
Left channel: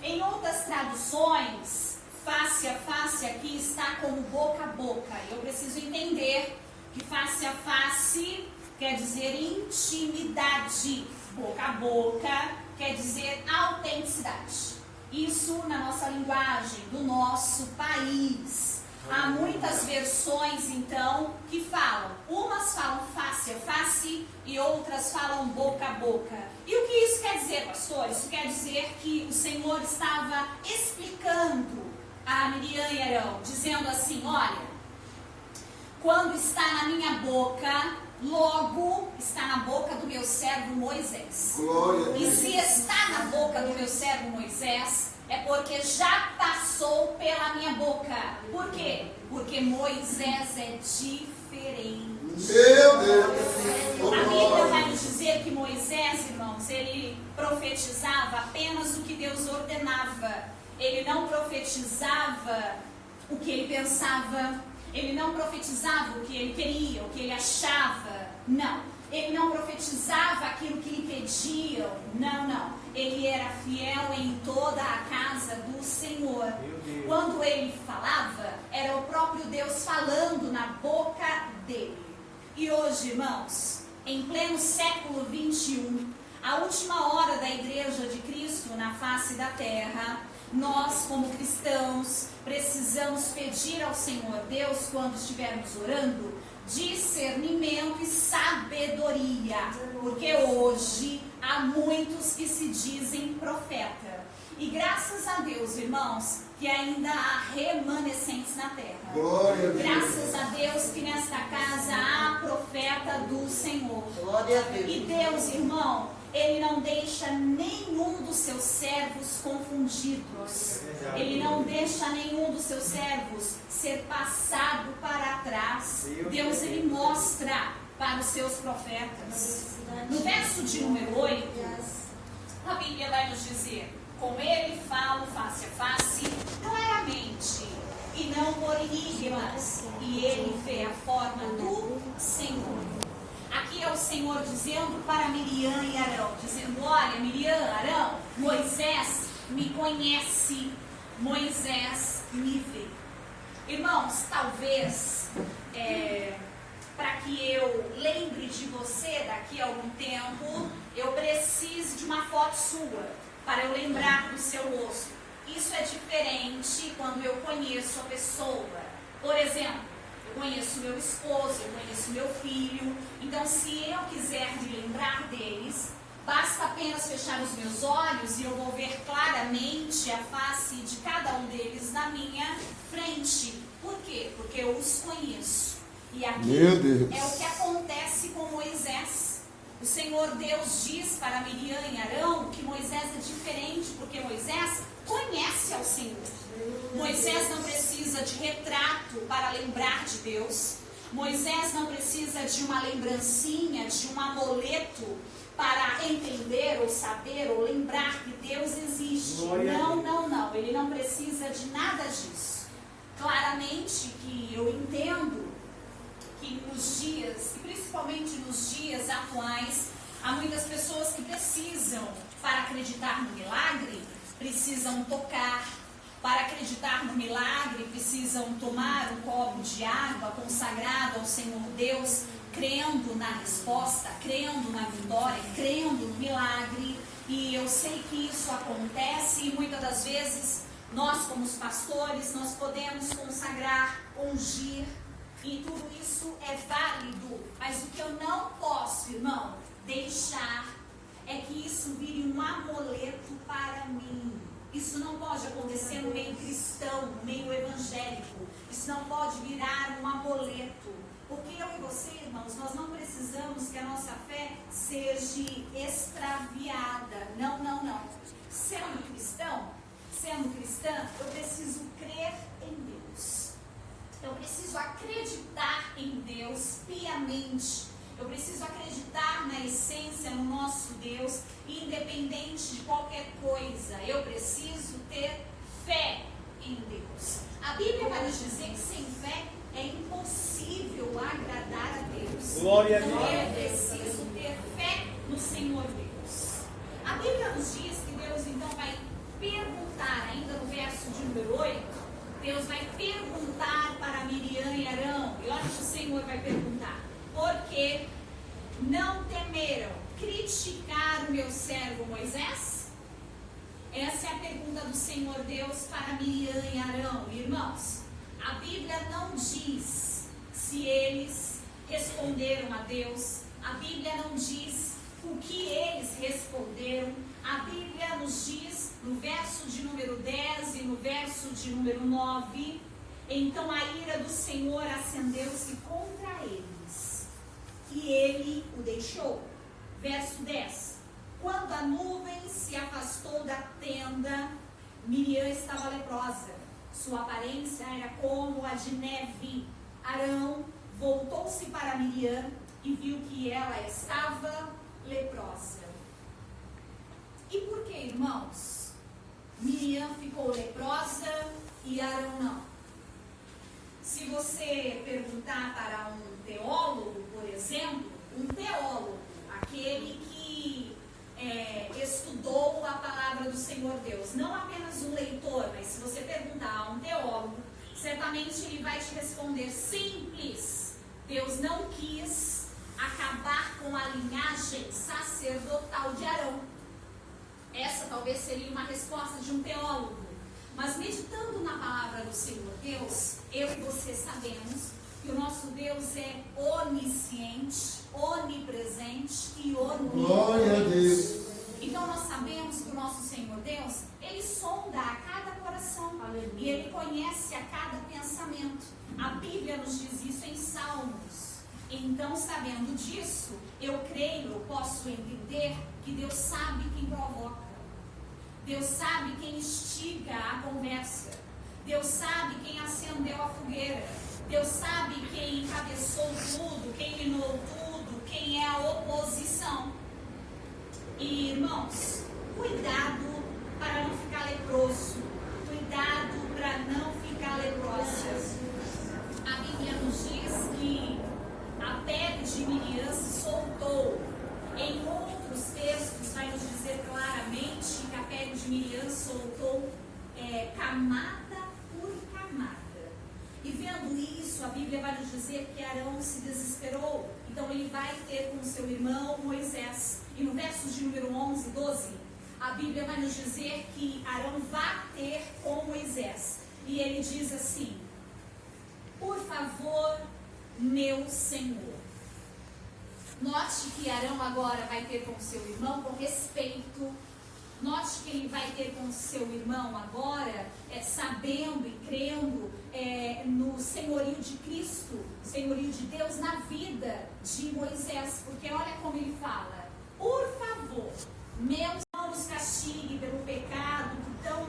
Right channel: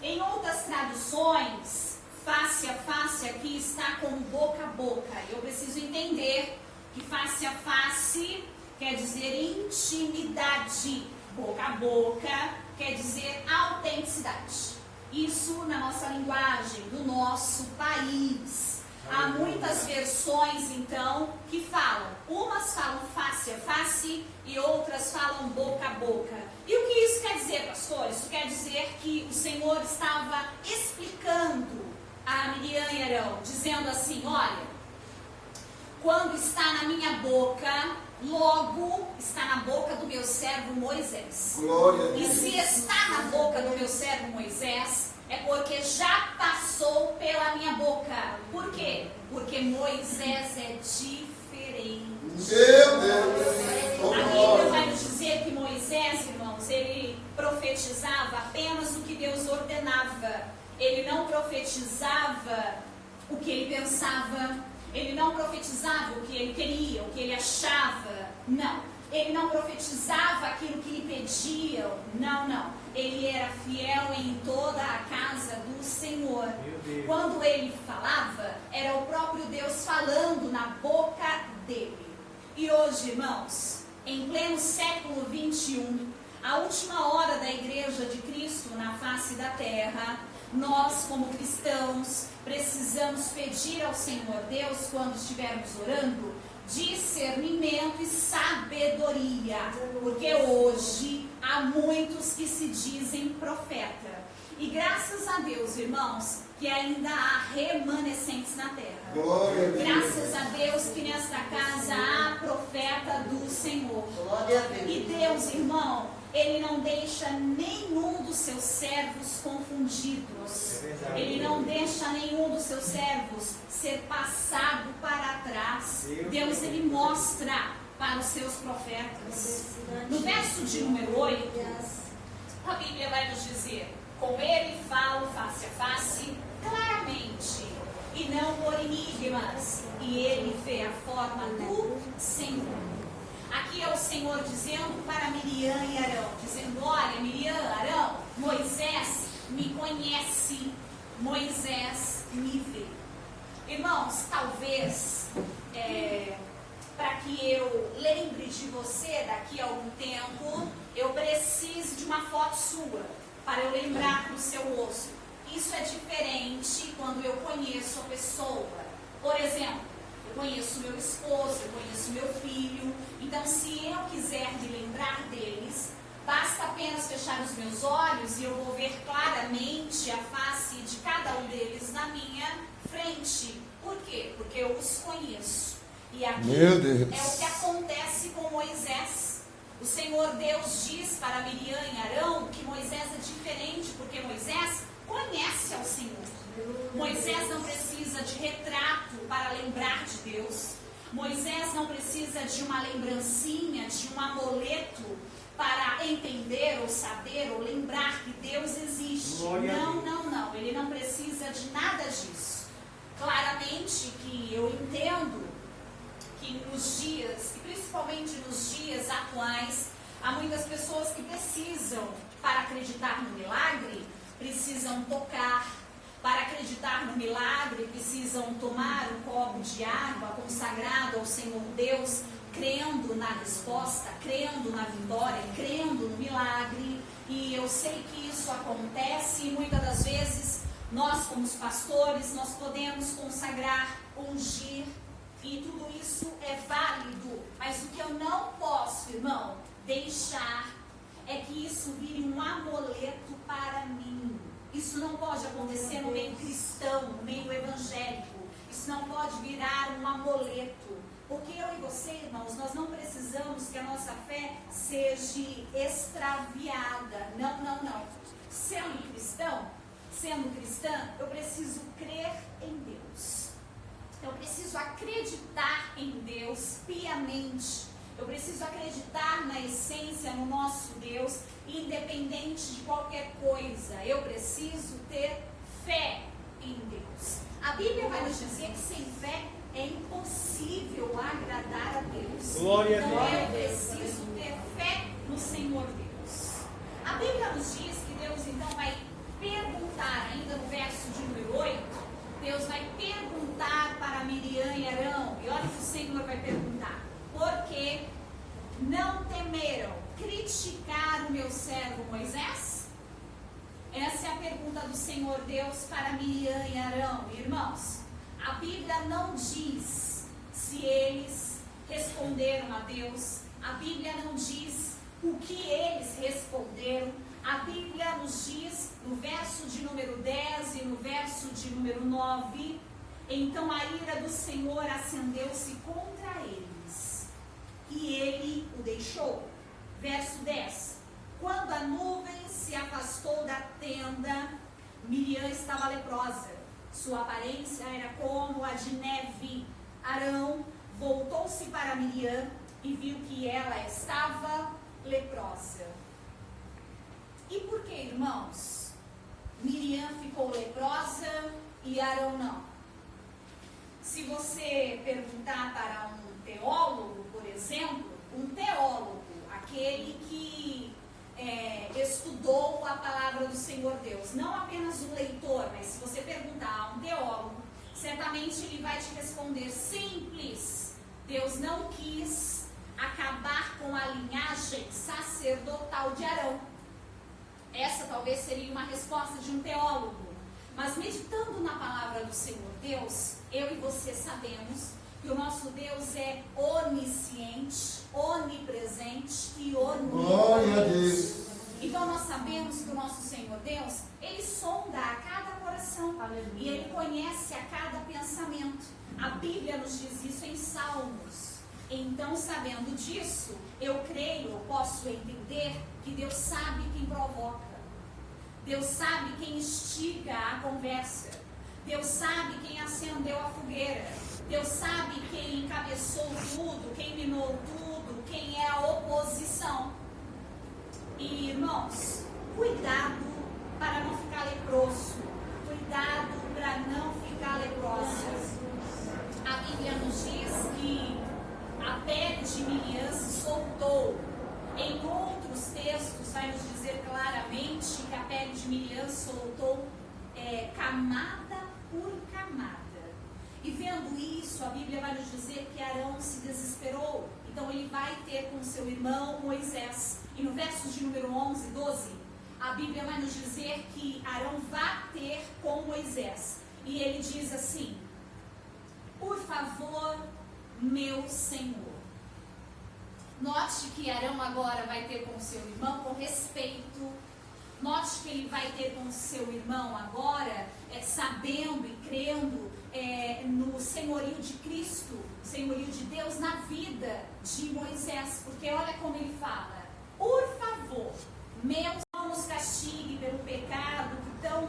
Em outras traduções, face a face aqui está como boca a boca. Eu preciso entender que face a face quer dizer intimidade. Boca a boca quer dizer autenticidade. Isso na nossa linguagem, do nosso país. Há muitas versões, então, que falam. Umas falam face a face e outras falam boca a boca. E o que isso quer dizer, pastor? Isso quer dizer que o Senhor estava explicando a Miriam e Arão, dizendo assim, olha, quando está na minha boca, logo está na boca do meu servo Moisés. Glória a E Deus. se está na boca do meu servo Moisés, é porque já passou pela minha boca. Por quê? Porque Moisés é diferente. Meu Deus. A Bíblia vai nos dizer que Moisés, irmãos, ele profetizava apenas o que Deus ordenava. Ele não profetizava o que ele pensava. Ele não profetizava o que ele queria, o que ele achava. Não. Ele não profetizava aquilo que lhe pediam. Não. Ele era fiel em toda a casa do Senhor. Quando ele falava, era o próprio Deus falando na boca dele. E hoje, irmãos, em pleno século 21, a última hora da Igreja de Cristo na face da terra, nós, como cristãos, precisamos pedir ao Senhor Deus, quando estivermos orando, discernimento e sabedoria, porque hoje há muitos que se dizem profeta, e graças a Deus, irmãos, que ainda há remanescentes na terra. Glória a Deus. Graças a Deus que nesta casa há profeta do Senhor. Glória a Deus. E Deus, irmão, Ele não deixa nenhum dos seus servos confundidos. Ele não deixa nenhum dos seus servos ser passado para trás. Deus, Ele mostra para os seus profetas. No verso de número 8, a Bíblia vai nos dizer, com Ele falo face a face, claramente, e não por enigmas, e Ele vê a forma do Senhor. Aqui é o Senhor dizendo para Miriam e Arão, dizendo, olha, Miriam, Arão, Moisés me conhece, Moisés me vê. Irmãos, talvez, para que eu lembre de você daqui a algum tempo, eu precise de uma foto sua, para eu lembrar do seu rosto. Isso é diferente quando eu conheço a pessoa. Por exemplo, eu conheço meu esposo, eu conheço meu filho. Então, se eu quiser me lembrar deles, basta apenas fechar os meus olhos e eu vou ver claramente a face de cada um deles na minha frente. Por quê? Porque eu os conheço. E aqui é o que acontece com Moisés. O Senhor Deus diz para Miriam e Arão que Moisés é diferente, porque Moisés conhece ao Senhor. Moisés não precisa de retrato para lembrar de Deus. Moisés não precisa de uma lembrancinha, de um amuleto para entender ou saber ou lembrar que Deus existe. Não. Ele não precisa de nada disso. Claramente que eu entendo que nos dias, e principalmente nos dias atuais, há muitas pessoas que precisam, para acreditar no milagre, precisam tocar. Para acreditar no milagre, precisam tomar um copo de água consagrado ao Senhor Deus, crendo na resposta, crendo na vitória, crendo no milagre. E eu sei que isso acontece e muitas das vezes nós, como os pastores, nós podemos consagrar, ungir, e tudo isso é válido. Mas o que eu não posso, irmão, deixar é que isso vire um amuleto para mim. Isso não pode acontecer no meio cristão, no meio evangélico. Isso não pode virar um amuleto. Porque eu e você, irmãos, nós não precisamos que a nossa fé seja extraviada. Não. Sendo cristã, eu preciso crer em Deus. Eu preciso acreditar em Deus piamente. Eu preciso acreditar na essência, no nosso Deus, independente de qualquer coisa. Eu preciso ter fé em Deus. A Bíblia vai nos dizer que sem fé é impossível agradar a Deus. Glória a Deus. Deus. É preciso ter fé no Senhor Deus. A Bíblia nos diz que Deus então vai perguntar, ainda no verso de número 8, Deus vai perguntar para Miriam e Arão. E olha o que o Senhor vai perguntar. Porque não temeram criticar o meu servo Moisés? Essa é a pergunta do Senhor Deus para Miriam e Arão. Irmãos, a Bíblia não diz se eles responderam a Deus. A Bíblia não diz o que eles responderam. A Bíblia nos diz no verso de número 10 e no verso de número 9: então a ira do Senhor acendeu-se contra eles, e ele o deixou. Verso 10: quando a nuvem se afastou da tenda, Miriam estava leprosa. Sua aparência era como a de neve. Arão voltou-se para Miriam e viu que ela estava leprosa. E por que, irmãos, Miriam ficou leprosa e Arão não? Se você perguntar para um teólogo, por exemplo, aquele que estudou a palavra do Senhor Deus, não apenas o leitor, mas se você perguntar a um teólogo, certamente ele vai te responder simples: Deus não quis acabar com a linhagem sacerdotal de Arão. Essa talvez seria uma resposta de um teólogo. Mas meditando na palavra do Senhor Deus, eu e você sabemos que o nosso Deus é onisciente, onipresente e Glória a onipotente. Deus. Então nós sabemos que o nosso Senhor Deus, Ele sonda a cada coração. Aleluia. E Ele conhece a cada pensamento. A Bíblia nos diz isso em Salmos. Então, sabendo disso, eu creio, eu posso entender que Deus sabe quem provoca. Deus sabe quem instiga a conversa. Deus sabe quem acendeu a fogueira. Deus sabe quem encabeçou tudo, quem linou tudo, quem é a oposição. E, irmãos, cuidado para não ficar leproso. Cuidado para não ficar leprosa. A Bíblia nos diz que a pele de Miriam se soltou. Em outros textos vai nos dizer claramente que a pele de Miriam soltou camada por camada. E vendo isso, a Bíblia vai nos dizer que Arão se desesperou. Então ele vai ter com seu irmão Moisés. E no verso de número 11 e 12, a Bíblia vai nos dizer que Arão vai ter com Moisés. E ele diz assim: por favor, meu Senhor. Note que Arão agora vai ter com seu irmão com respeito. Note que ele vai ter com seu irmão agora, sabendo e crendo no senhorio de Cristo, senhorio de Deus na vida de Moisés. Porque olha como ele fala: por favor, meus não nos castigue pelo pecado que tão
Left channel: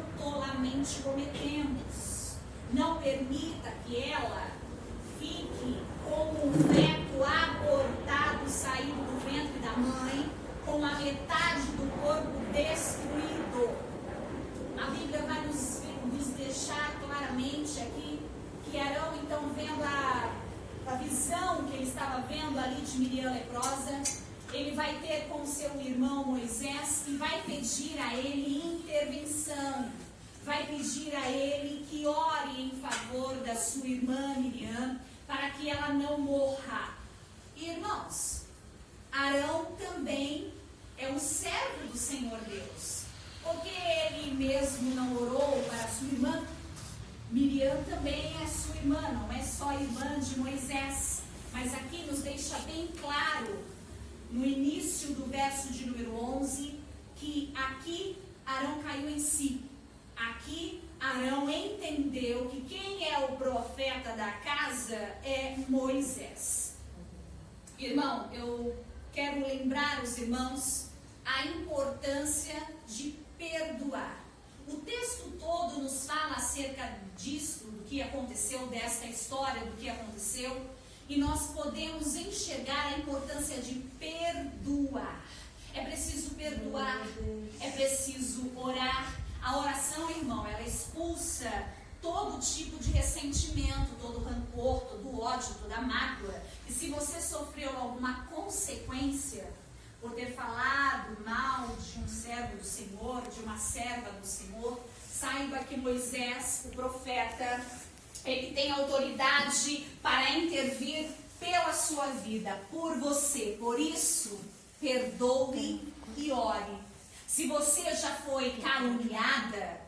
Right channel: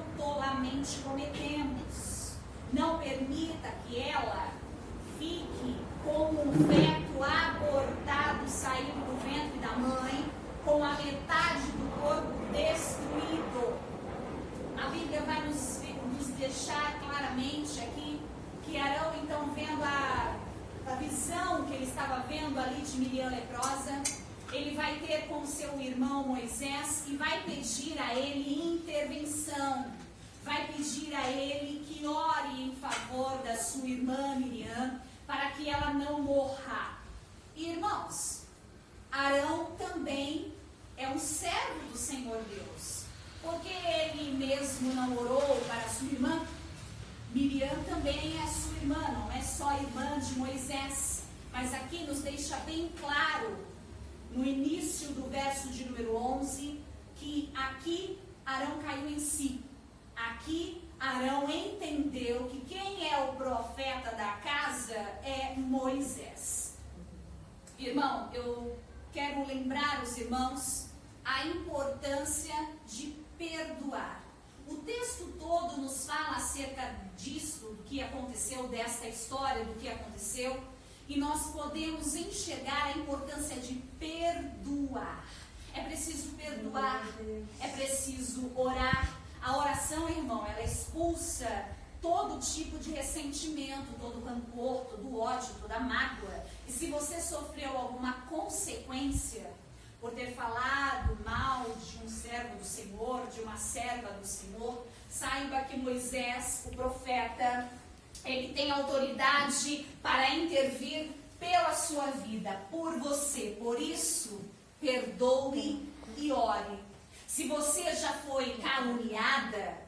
estava vendo ali de Miriam leprosa, ele vai ter com seu irmão Moisés e vai pedir a ele intervenção. Vai pedir a ele que ore em favor da sua irmã Miriam, para que ela não morra. Irmãos, Arão também é um servo do Senhor Deus, porque ele mesmo não orou para sua irmã. Miriam também é sua irmã, não é só irmã de Moisés, mas aqui nos deixa bem claro, no início do verso de número 11, que aqui Arão caiu em si. Aqui Arão entendeu que quem é o profeta da casa é Moisés. Irmão, eu quero lembrar os irmãos a importância de perdoar. O texto todo nos fala acerca disso, do que aconteceu, desta história, do que aconteceu, e nós podemos enxergar a importância de perdoar. É preciso perdoar, é preciso orar. A oração, irmão, ela expulsa todo tipo de ressentimento, todo rancor, todo ódio, toda mágoa. E se você sofreu alguma consequência por ter falado mal de um servo do Senhor, de uma serva do Senhor, saiba que Moisés, o profeta, ele tem autoridade para intervir pela sua vida, por você. Por isso, perdoe e ore. Se você já foi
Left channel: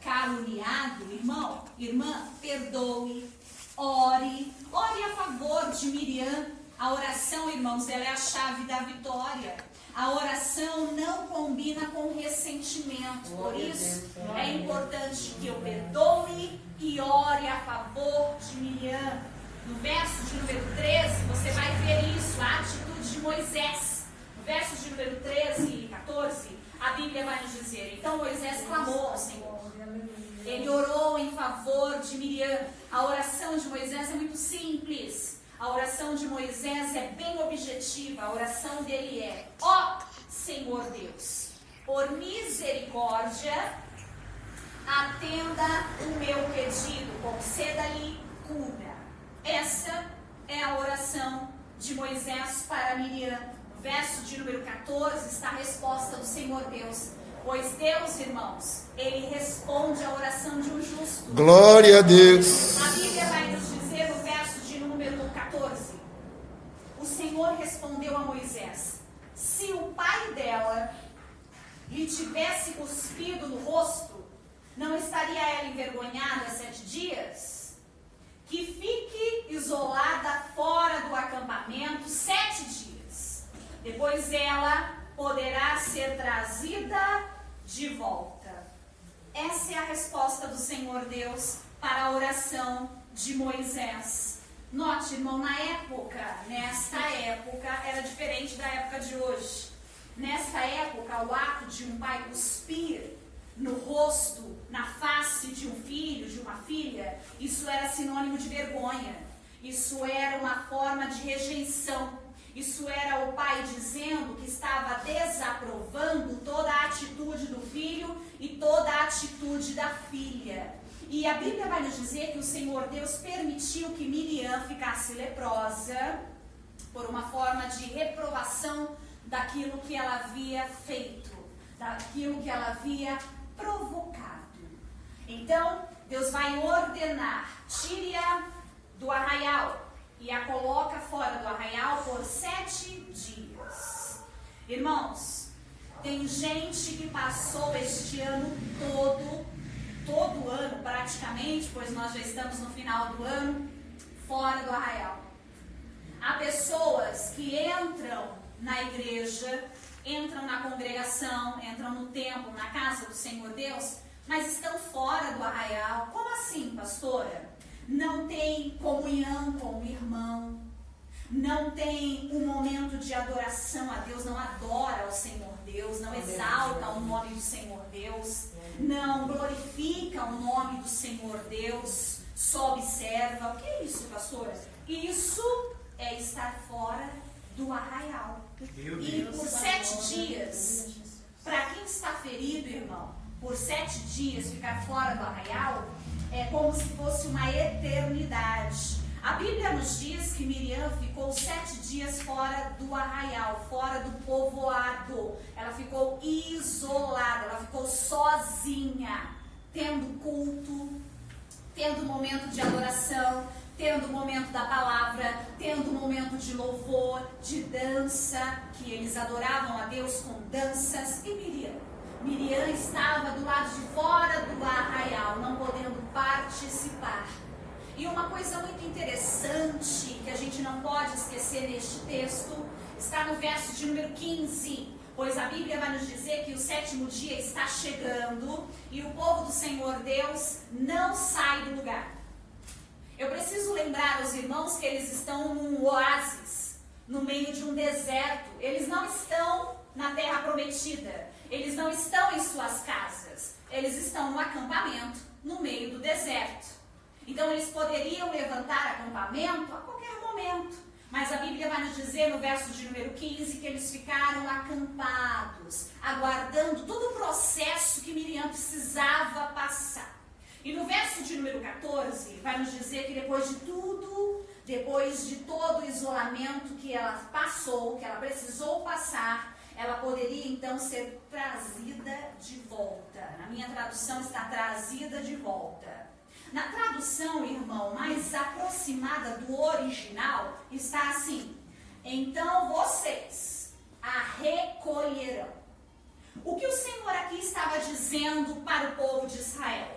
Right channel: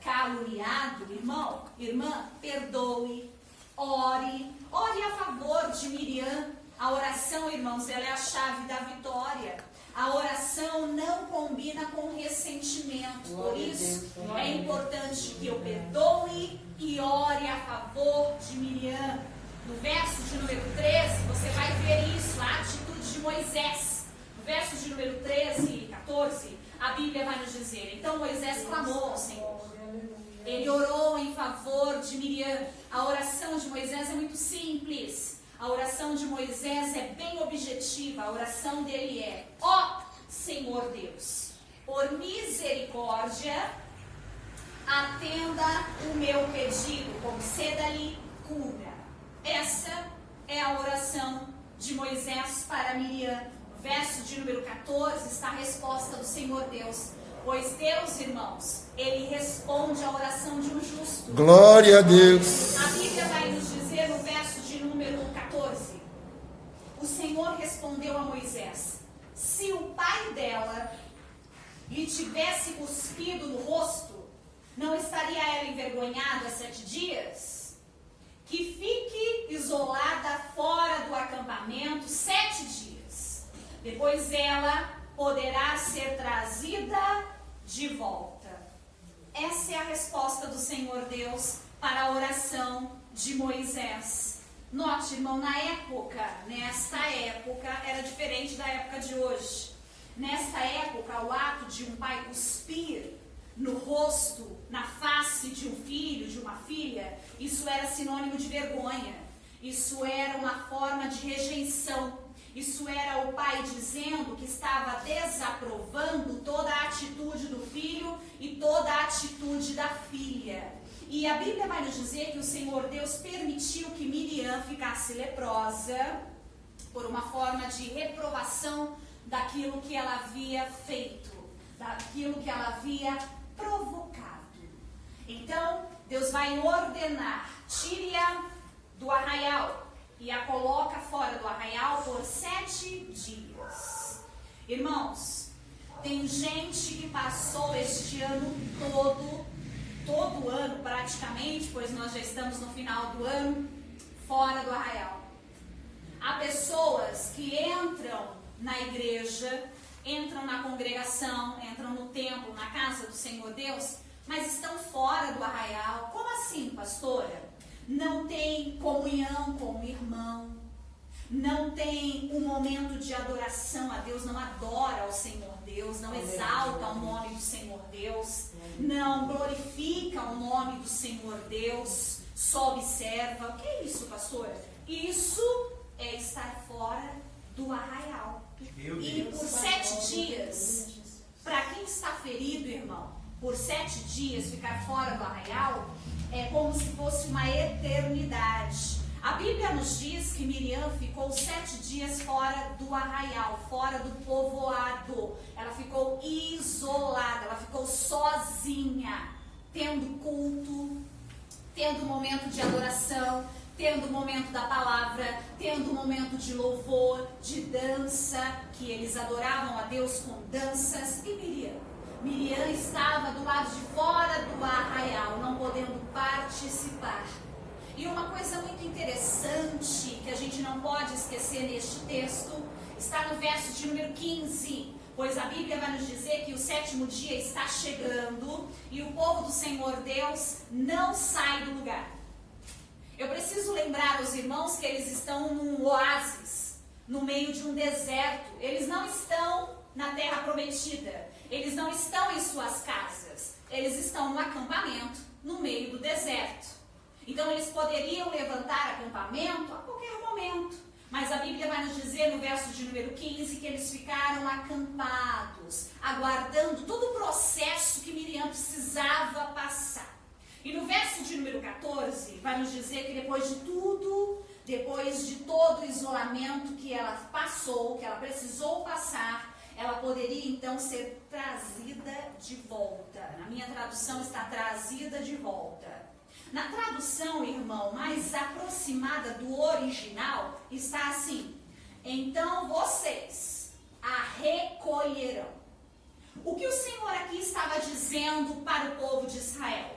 caluniado, irmão, irmã, perdoe, ore a favor de Miriam. A oração, irmãos, ela é a chave da vitória. A oração não combina com ressentimento. Por isso, é importante que eu perdoe e ore a favor de Miriam. No verso de número 13, você vai ver isso, a atitude de Moisés. No verso de número 13 e 14, a Bíblia vai nos dizer: então Moisés clamou ao Senhor. Ele orou em favor de Miriam. A oração de Moisés é muito simples. A oração de Moisés é bem objetiva. A oração dele é: ó Senhor Deus, por misericórdia, atenda o meu pedido, conceda-lhe cura. Essa é a oração de Moisés para Miriam. Verso de número 14 está a resposta do Senhor Deus. Pois Deus, irmãos, Ele responde à oração de um justo. Glória a Deus. A Bíblia vai nos dizer no verso de número 14. O Senhor respondeu a Moisés: se o pai dela lhe tivesse cuspido no rosto, não estaria ela envergonhada 7 dias? Que fique isolada fora do acampamento 7 dias. Depois ela poderá ser trazida de volta. Essa é a resposta do Senhor Deus para a oração de Moisés. Note, irmão, nesta época, era diferente da época de hoje. Nesta época, o ato de um pai cuspir no rosto, na face de um filho, de uma filha, isso era sinônimo de vergonha. Isso era uma forma de rejeição. Isso era o pai dizendo que estava desaprovando toda a atitude do filho e toda a atitude da filha. E a Bíblia vai nos dizer que o Senhor Deus permitiu que Miriam ficasse leprosa por uma forma de reprovação daquilo que ela havia feito, daquilo que ela havia provocado. Então, Deus vai ordenar: tire-a do arraial e a coloca fora do arraial por 7 dias. Irmãos, tem gente que passou este ano todo ano praticamente, pois nós já estamos no final do ano, fora do arraial. Há pessoas que entram na igreja, entram na congregação, entram no templo, na casa do Senhor Deus, mas estão fora do arraial. Como assim, pastora? Não tem comunhão com o irmão, não tem um momento de adoração a Deus, não adora ao Senhor Deus, não exalta o nome do Senhor Deus, não glorifica o nome do Senhor Deus, só observa. O que é isso, pastora? Isso é estar fora do arraial. E por 7 dias, para quem está ferido, irmão, por 7 dias ficar fora do arraial é como se fosse uma eternidade. A Bíblia nos diz que Miriam ficou 7 dias fora do arraial, fora do povoado. Ela ficou isolada, ela ficou sozinha, tendo culto, tendo momento de adoração, tendo momento da palavra, tendo momento de louvor, de dança, que eles adoravam a Deus com danças. E Miriam estava do lado de fora do arraial, não podendo participar. E uma coisa muito interessante que a gente não pode esquecer neste texto está no verso de número 15, pois a Bíblia vai nos dizer que o 7º dia está chegando e o povo do Senhor Deus não sai do lugar. Eu preciso lembrar aos irmãos que eles estão num oásis, no meio de um deserto. Eles não estão na terra prometida, eles não estão em suas casas, eles estão no acampamento, no meio do deserto. Então eles poderiam levantar acampamento a qualquer momento, mas a Bíblia vai nos dizer no verso de número 15 que eles ficaram acampados, aguardando todo o processo que Miriam precisava passar. E no verso de número 14 vai nos dizer que depois de tudo, depois de todo o isolamento que ela passou, que ela precisou passar, ela poderia então ser trazida de volta. Na minha tradução está trazida de volta. Na tradução, irmão, mais aproximada do original, está assim: então vocês a recolherão. O que o Senhor aqui estava dizendo para o povo de Israel?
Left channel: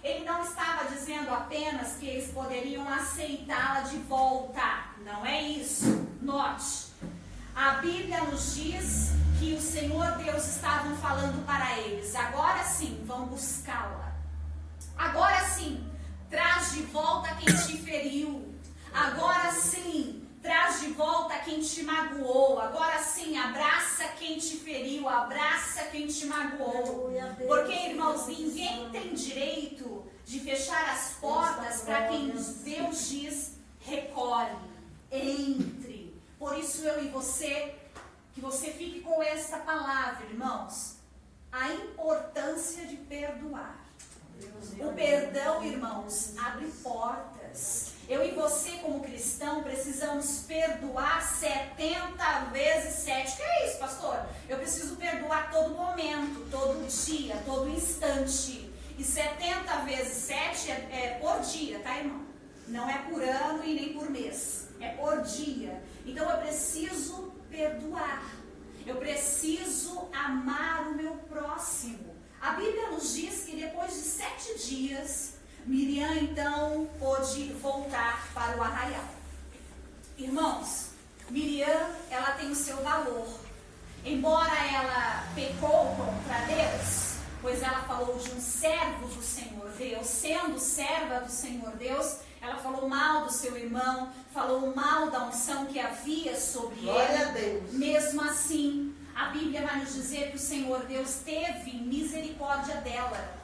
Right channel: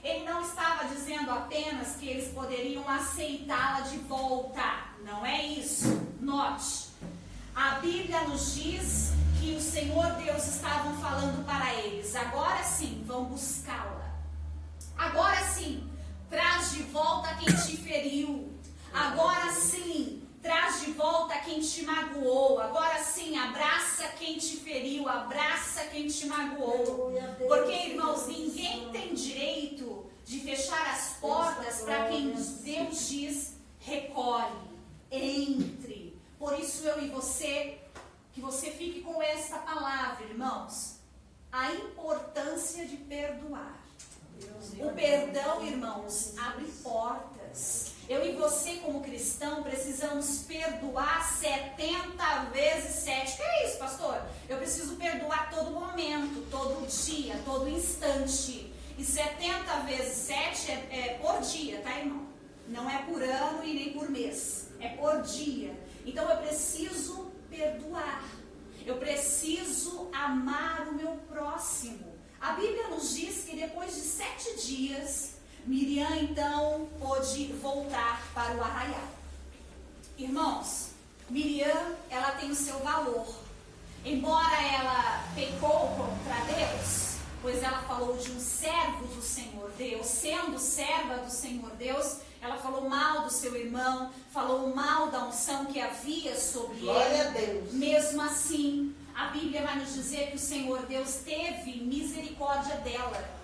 Ele não estava dizendo apenas que eles poderiam aceitá-la de volta. Não é isso. Note, a Bíblia nos diz que o Senhor Deus estava falando para eles: agora sim, vão buscá-la. Agora sim, traz de volta quem te feriu. Agora sim, traz de volta quem te magoou. Agora sim, abraça quem te feriu, abraça quem te magoou. Porque, irmãos, ninguém tem direito de fechar as portas para quem Deus diz: recolhe, entre. Por isso eu e você, que você fique com essa palavra, irmãos, a importância de perdoar. O perdão, irmãos, abre portas. Eu e você, como cristão, precisamos perdoar 70 vezes 7. Que é isso, pastor? Eu preciso perdoar todo momento, todo dia, todo instante. E 70 vezes 7 é por dia, tá, irmão? Não é por ano e nem por mês. É por dia. Então eu preciso perdoar. Eu preciso amar o meu próximo. A Bíblia nos diz que depois de 7 dias, Miriam então pôde voltar para o arraial. Irmãos, Miriam, ela tem o seu valor. Embora ela pecou contra Deus, pois ela falou de um servo do Senhor Deus, sendo serva do Senhor Deus, ela falou mal do seu irmão, falou mal da unção que havia sobre Glória a ele. Deus. Mesmo assim, a Bíblia vai nos dizer que o Senhor Deus teve misericórdia dela.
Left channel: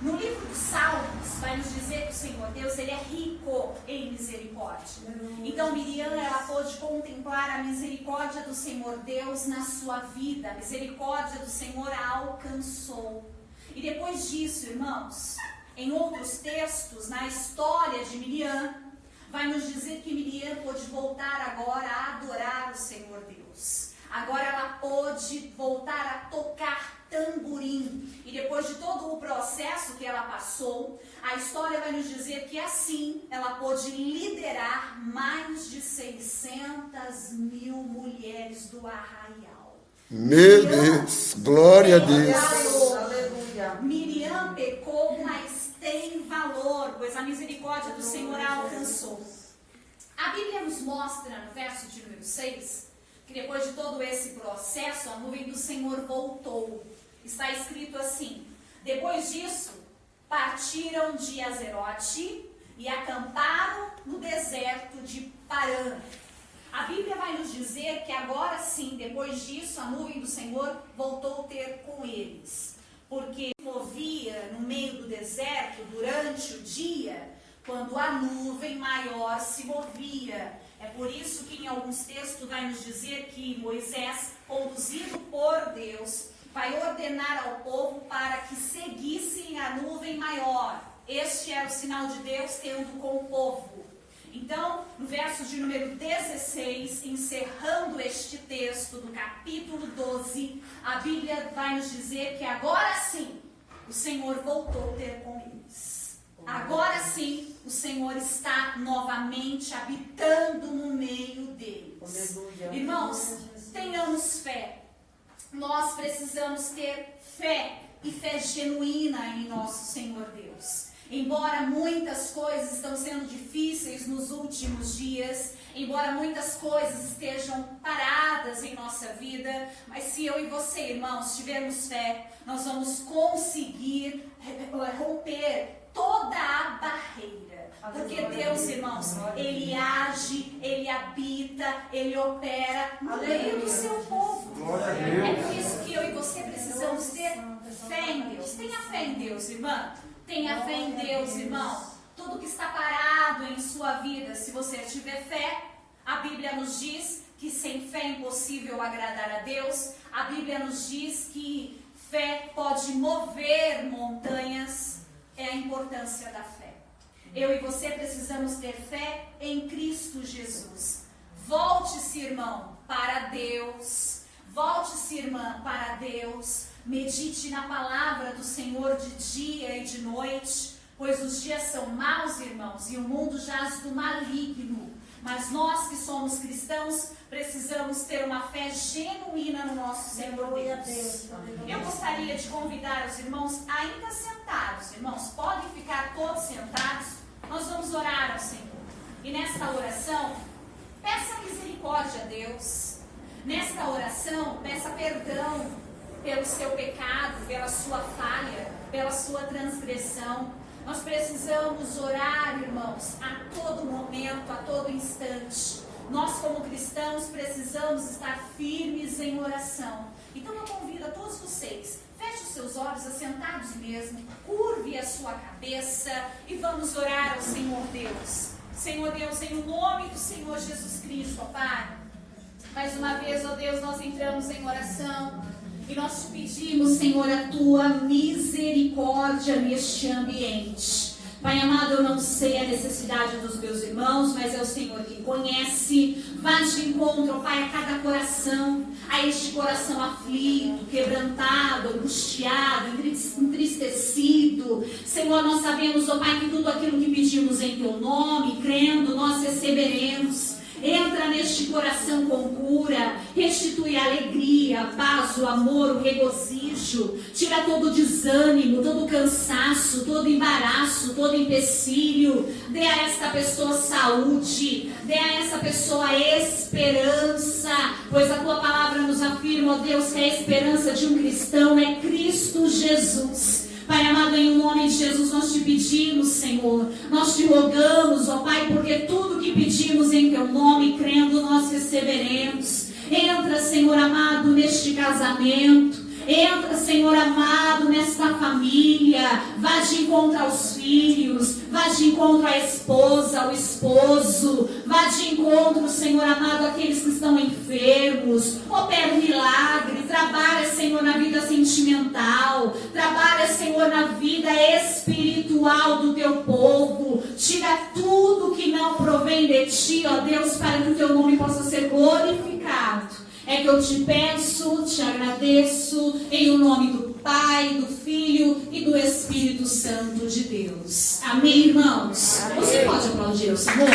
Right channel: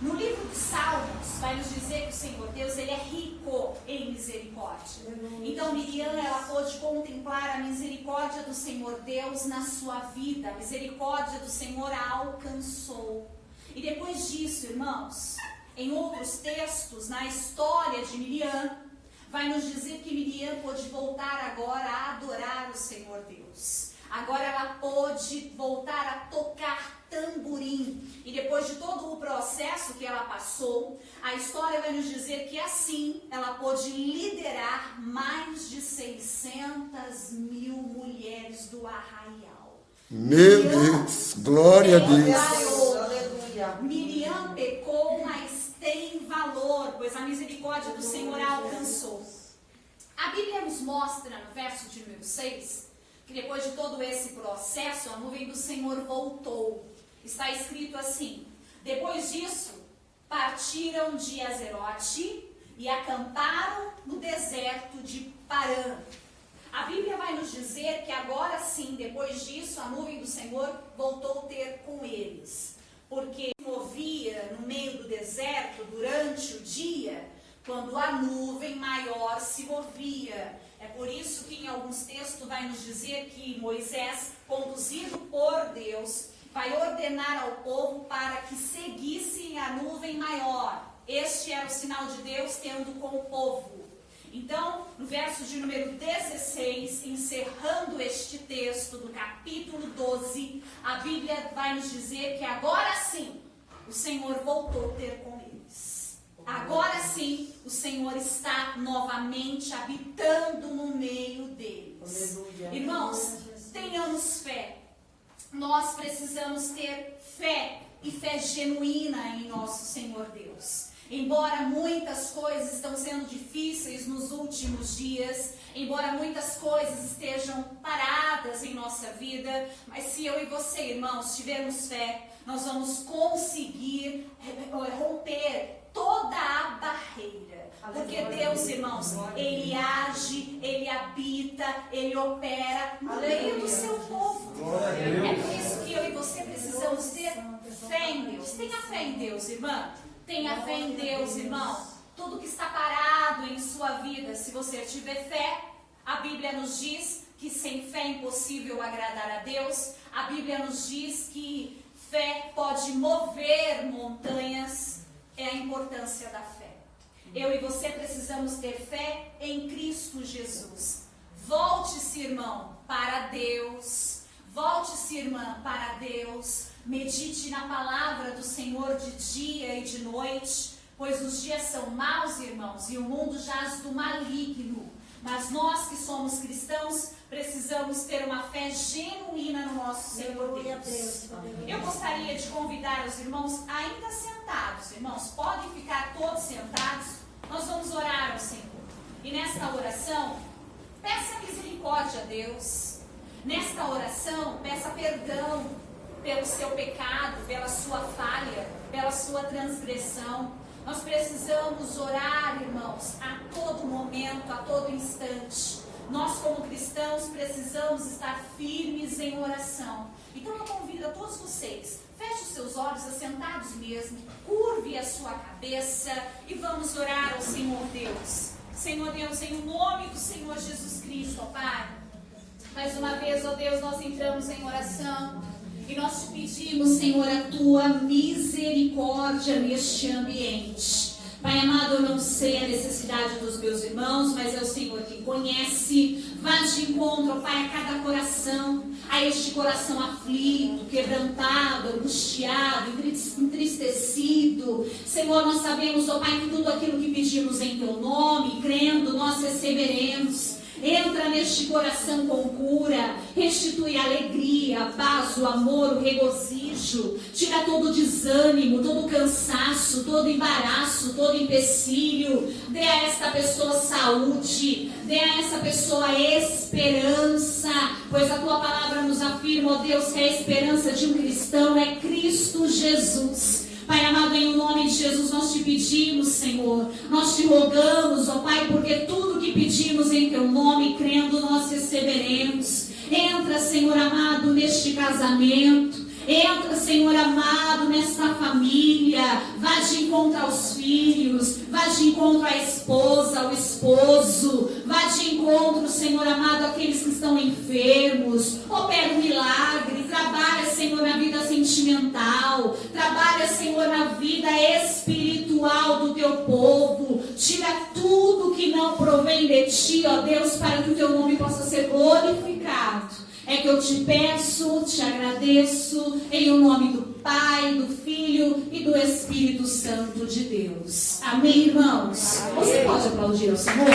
No livro de Salmos, vai nos dizer que o Senhor Deus, ele é rico em misericórdia. Então Miriam, ela pôde contemplar a misericórdia do Senhor Deus na sua vida. A misericórdia do Senhor a alcançou. E depois disso, irmãos, em outros textos, na história de Miriam, vai nos dizer que Miriam pôde voltar agora a adorar o Senhor Deus. Agora ela pôde voltar a tocar tamborim. E depois de todo o processo que ela passou, a história vai nos dizer que assim ela pôde liderar mais de 600.000 mulheres do arraial. Meu Deus, glória a Deus. Aleluia. Miriam pecou, mas tem valor, pois a misericórdia do Senhor a alcançou. A Bíblia nos mostra, no verso de número 6, que depois de todo esse processo, a nuvem do Senhor voltou. Está escrito assim: depois disso, partiram de Azerote e acamparam no deserto de Parã. A Bíblia vai nos dizer que agora sim, depois disso, a nuvem do Senhor voltou a ter com eles. Porque se movia no meio do deserto durante o dia, quando a nuvem maior se movia. É por isso que em alguns textos vai nos dizer que Moisés, conduzido por Deus, vai ordenar ao povo para que seguissem a nuvem maior. Este era o sinal de Deus tendo com o povo. Então, no verso de número 16, encerrando este texto do capítulo 12, a Bíblia vai nos dizer que agora sim o Senhor voltou a ter com eles. Agora sim o Senhor está novamente habitando no meio deles. Irmãos, tenhamos fé. Nós precisamos ter fé e fé genuína em nosso Senhor Deus. Embora muitas coisas estão sendo difíceis nos últimos dias, embora muitas coisas estejam paradas em nossa vida, mas se eu e você, irmãos, tivermos fé, nós vamos conseguir romper toda a barreira. Porque Deus, irmãos, Ele age, Ele habita, Ele opera no meio do seu povo. É por isso que eu e você precisamos ter fé em Deus. Tenha fé em Deus, irmã. Tenha fé em Deus, irmão. Tudo que está parado em sua vida, se você tiver fé, a Bíblia nos diz que sem fé é impossível agradar a Deus. A Bíblia nos diz que fé pode mover montanhas. É a importância da fé. Eu e você precisamos ter fé em Cristo Jesus. Volte-se, irmão, para Deus. Volte-se, irmã, para Deus. Medite na palavra do Senhor de dia e de noite, pois os dias são maus, irmãos, e o mundo jaz do maligno. Mas nós que somos cristãos, precisamos ter uma fé genuína no nosso Senhor Deus. Eu gostaria de convidar os irmãos ainda sentados. Irmãos, podem ficar todos sentados. Nós vamos orar ao Senhor. E nesta oração, peça misericórdia a Deus. Nesta oração, peça perdão pelo seu pecado, pela sua falha, pela sua transgressão. Nós precisamos orar, irmãos, a todo momento, a todo instante. Nós, como cristãos, precisamos estar firmes em oração. Então eu convido a todos vocês, feche os seus olhos, assentados mesmo, curve a sua cabeça e vamos orar ao Senhor Deus. Senhor Deus, em nome do Senhor Jesus Cristo, ó Pai, mais uma vez, ó Deus, nós entramos em oração. E nós te pedimos, Senhor, a tua misericórdia neste ambiente. Pai amado, eu não sei a necessidade dos meus irmãos, mas é o Senhor que conhece. Vá de encontro, Pai, a cada coração, a este coração aflito, quebrantado, angustiado, entristecido. Senhor, nós sabemos, ó Pai, que tudo aquilo que pedimos em teu nome, crendo, nós receberemos. Entra neste coração com cura, restitui a alegria, a paz, o amor, o regozijo, tira todo o desânimo, todo o cansaço, todo o embaraço, todo o empecilho, dê a esta pessoa saúde, dê a essa pessoa esperança, pois a tua palavra nos afirma, ó Deus, que a esperança de um cristão é Cristo Jesus. Pai amado, em nome de Jesus, nós te pedimos, Senhor, nós te rogamos, ó Pai, porque tudo que pedimos em teu nome, crendo, nós receberemos. Entra, Senhor amado, neste casamento. Entra, Senhor amado, nesta família. Vá de encontro aos filhos. Vá de encontro à esposa, ao esposo. Vá de encontro, Senhor amado, àqueles que estão enfermos. Opera um milagre. Trabalha, Senhor, na vida sentimental. Trabalha, Senhor, na vida espiritual do teu povo. Tira tudo que não provém de ti, ó Deus, para que o teu nome possa ser glorificado. É que eu te peço, te agradeço, em o nome do Pai, do Filho e do Espírito Santo de Deus. Amém, irmãos? Você pode aplaudir ao Senhor?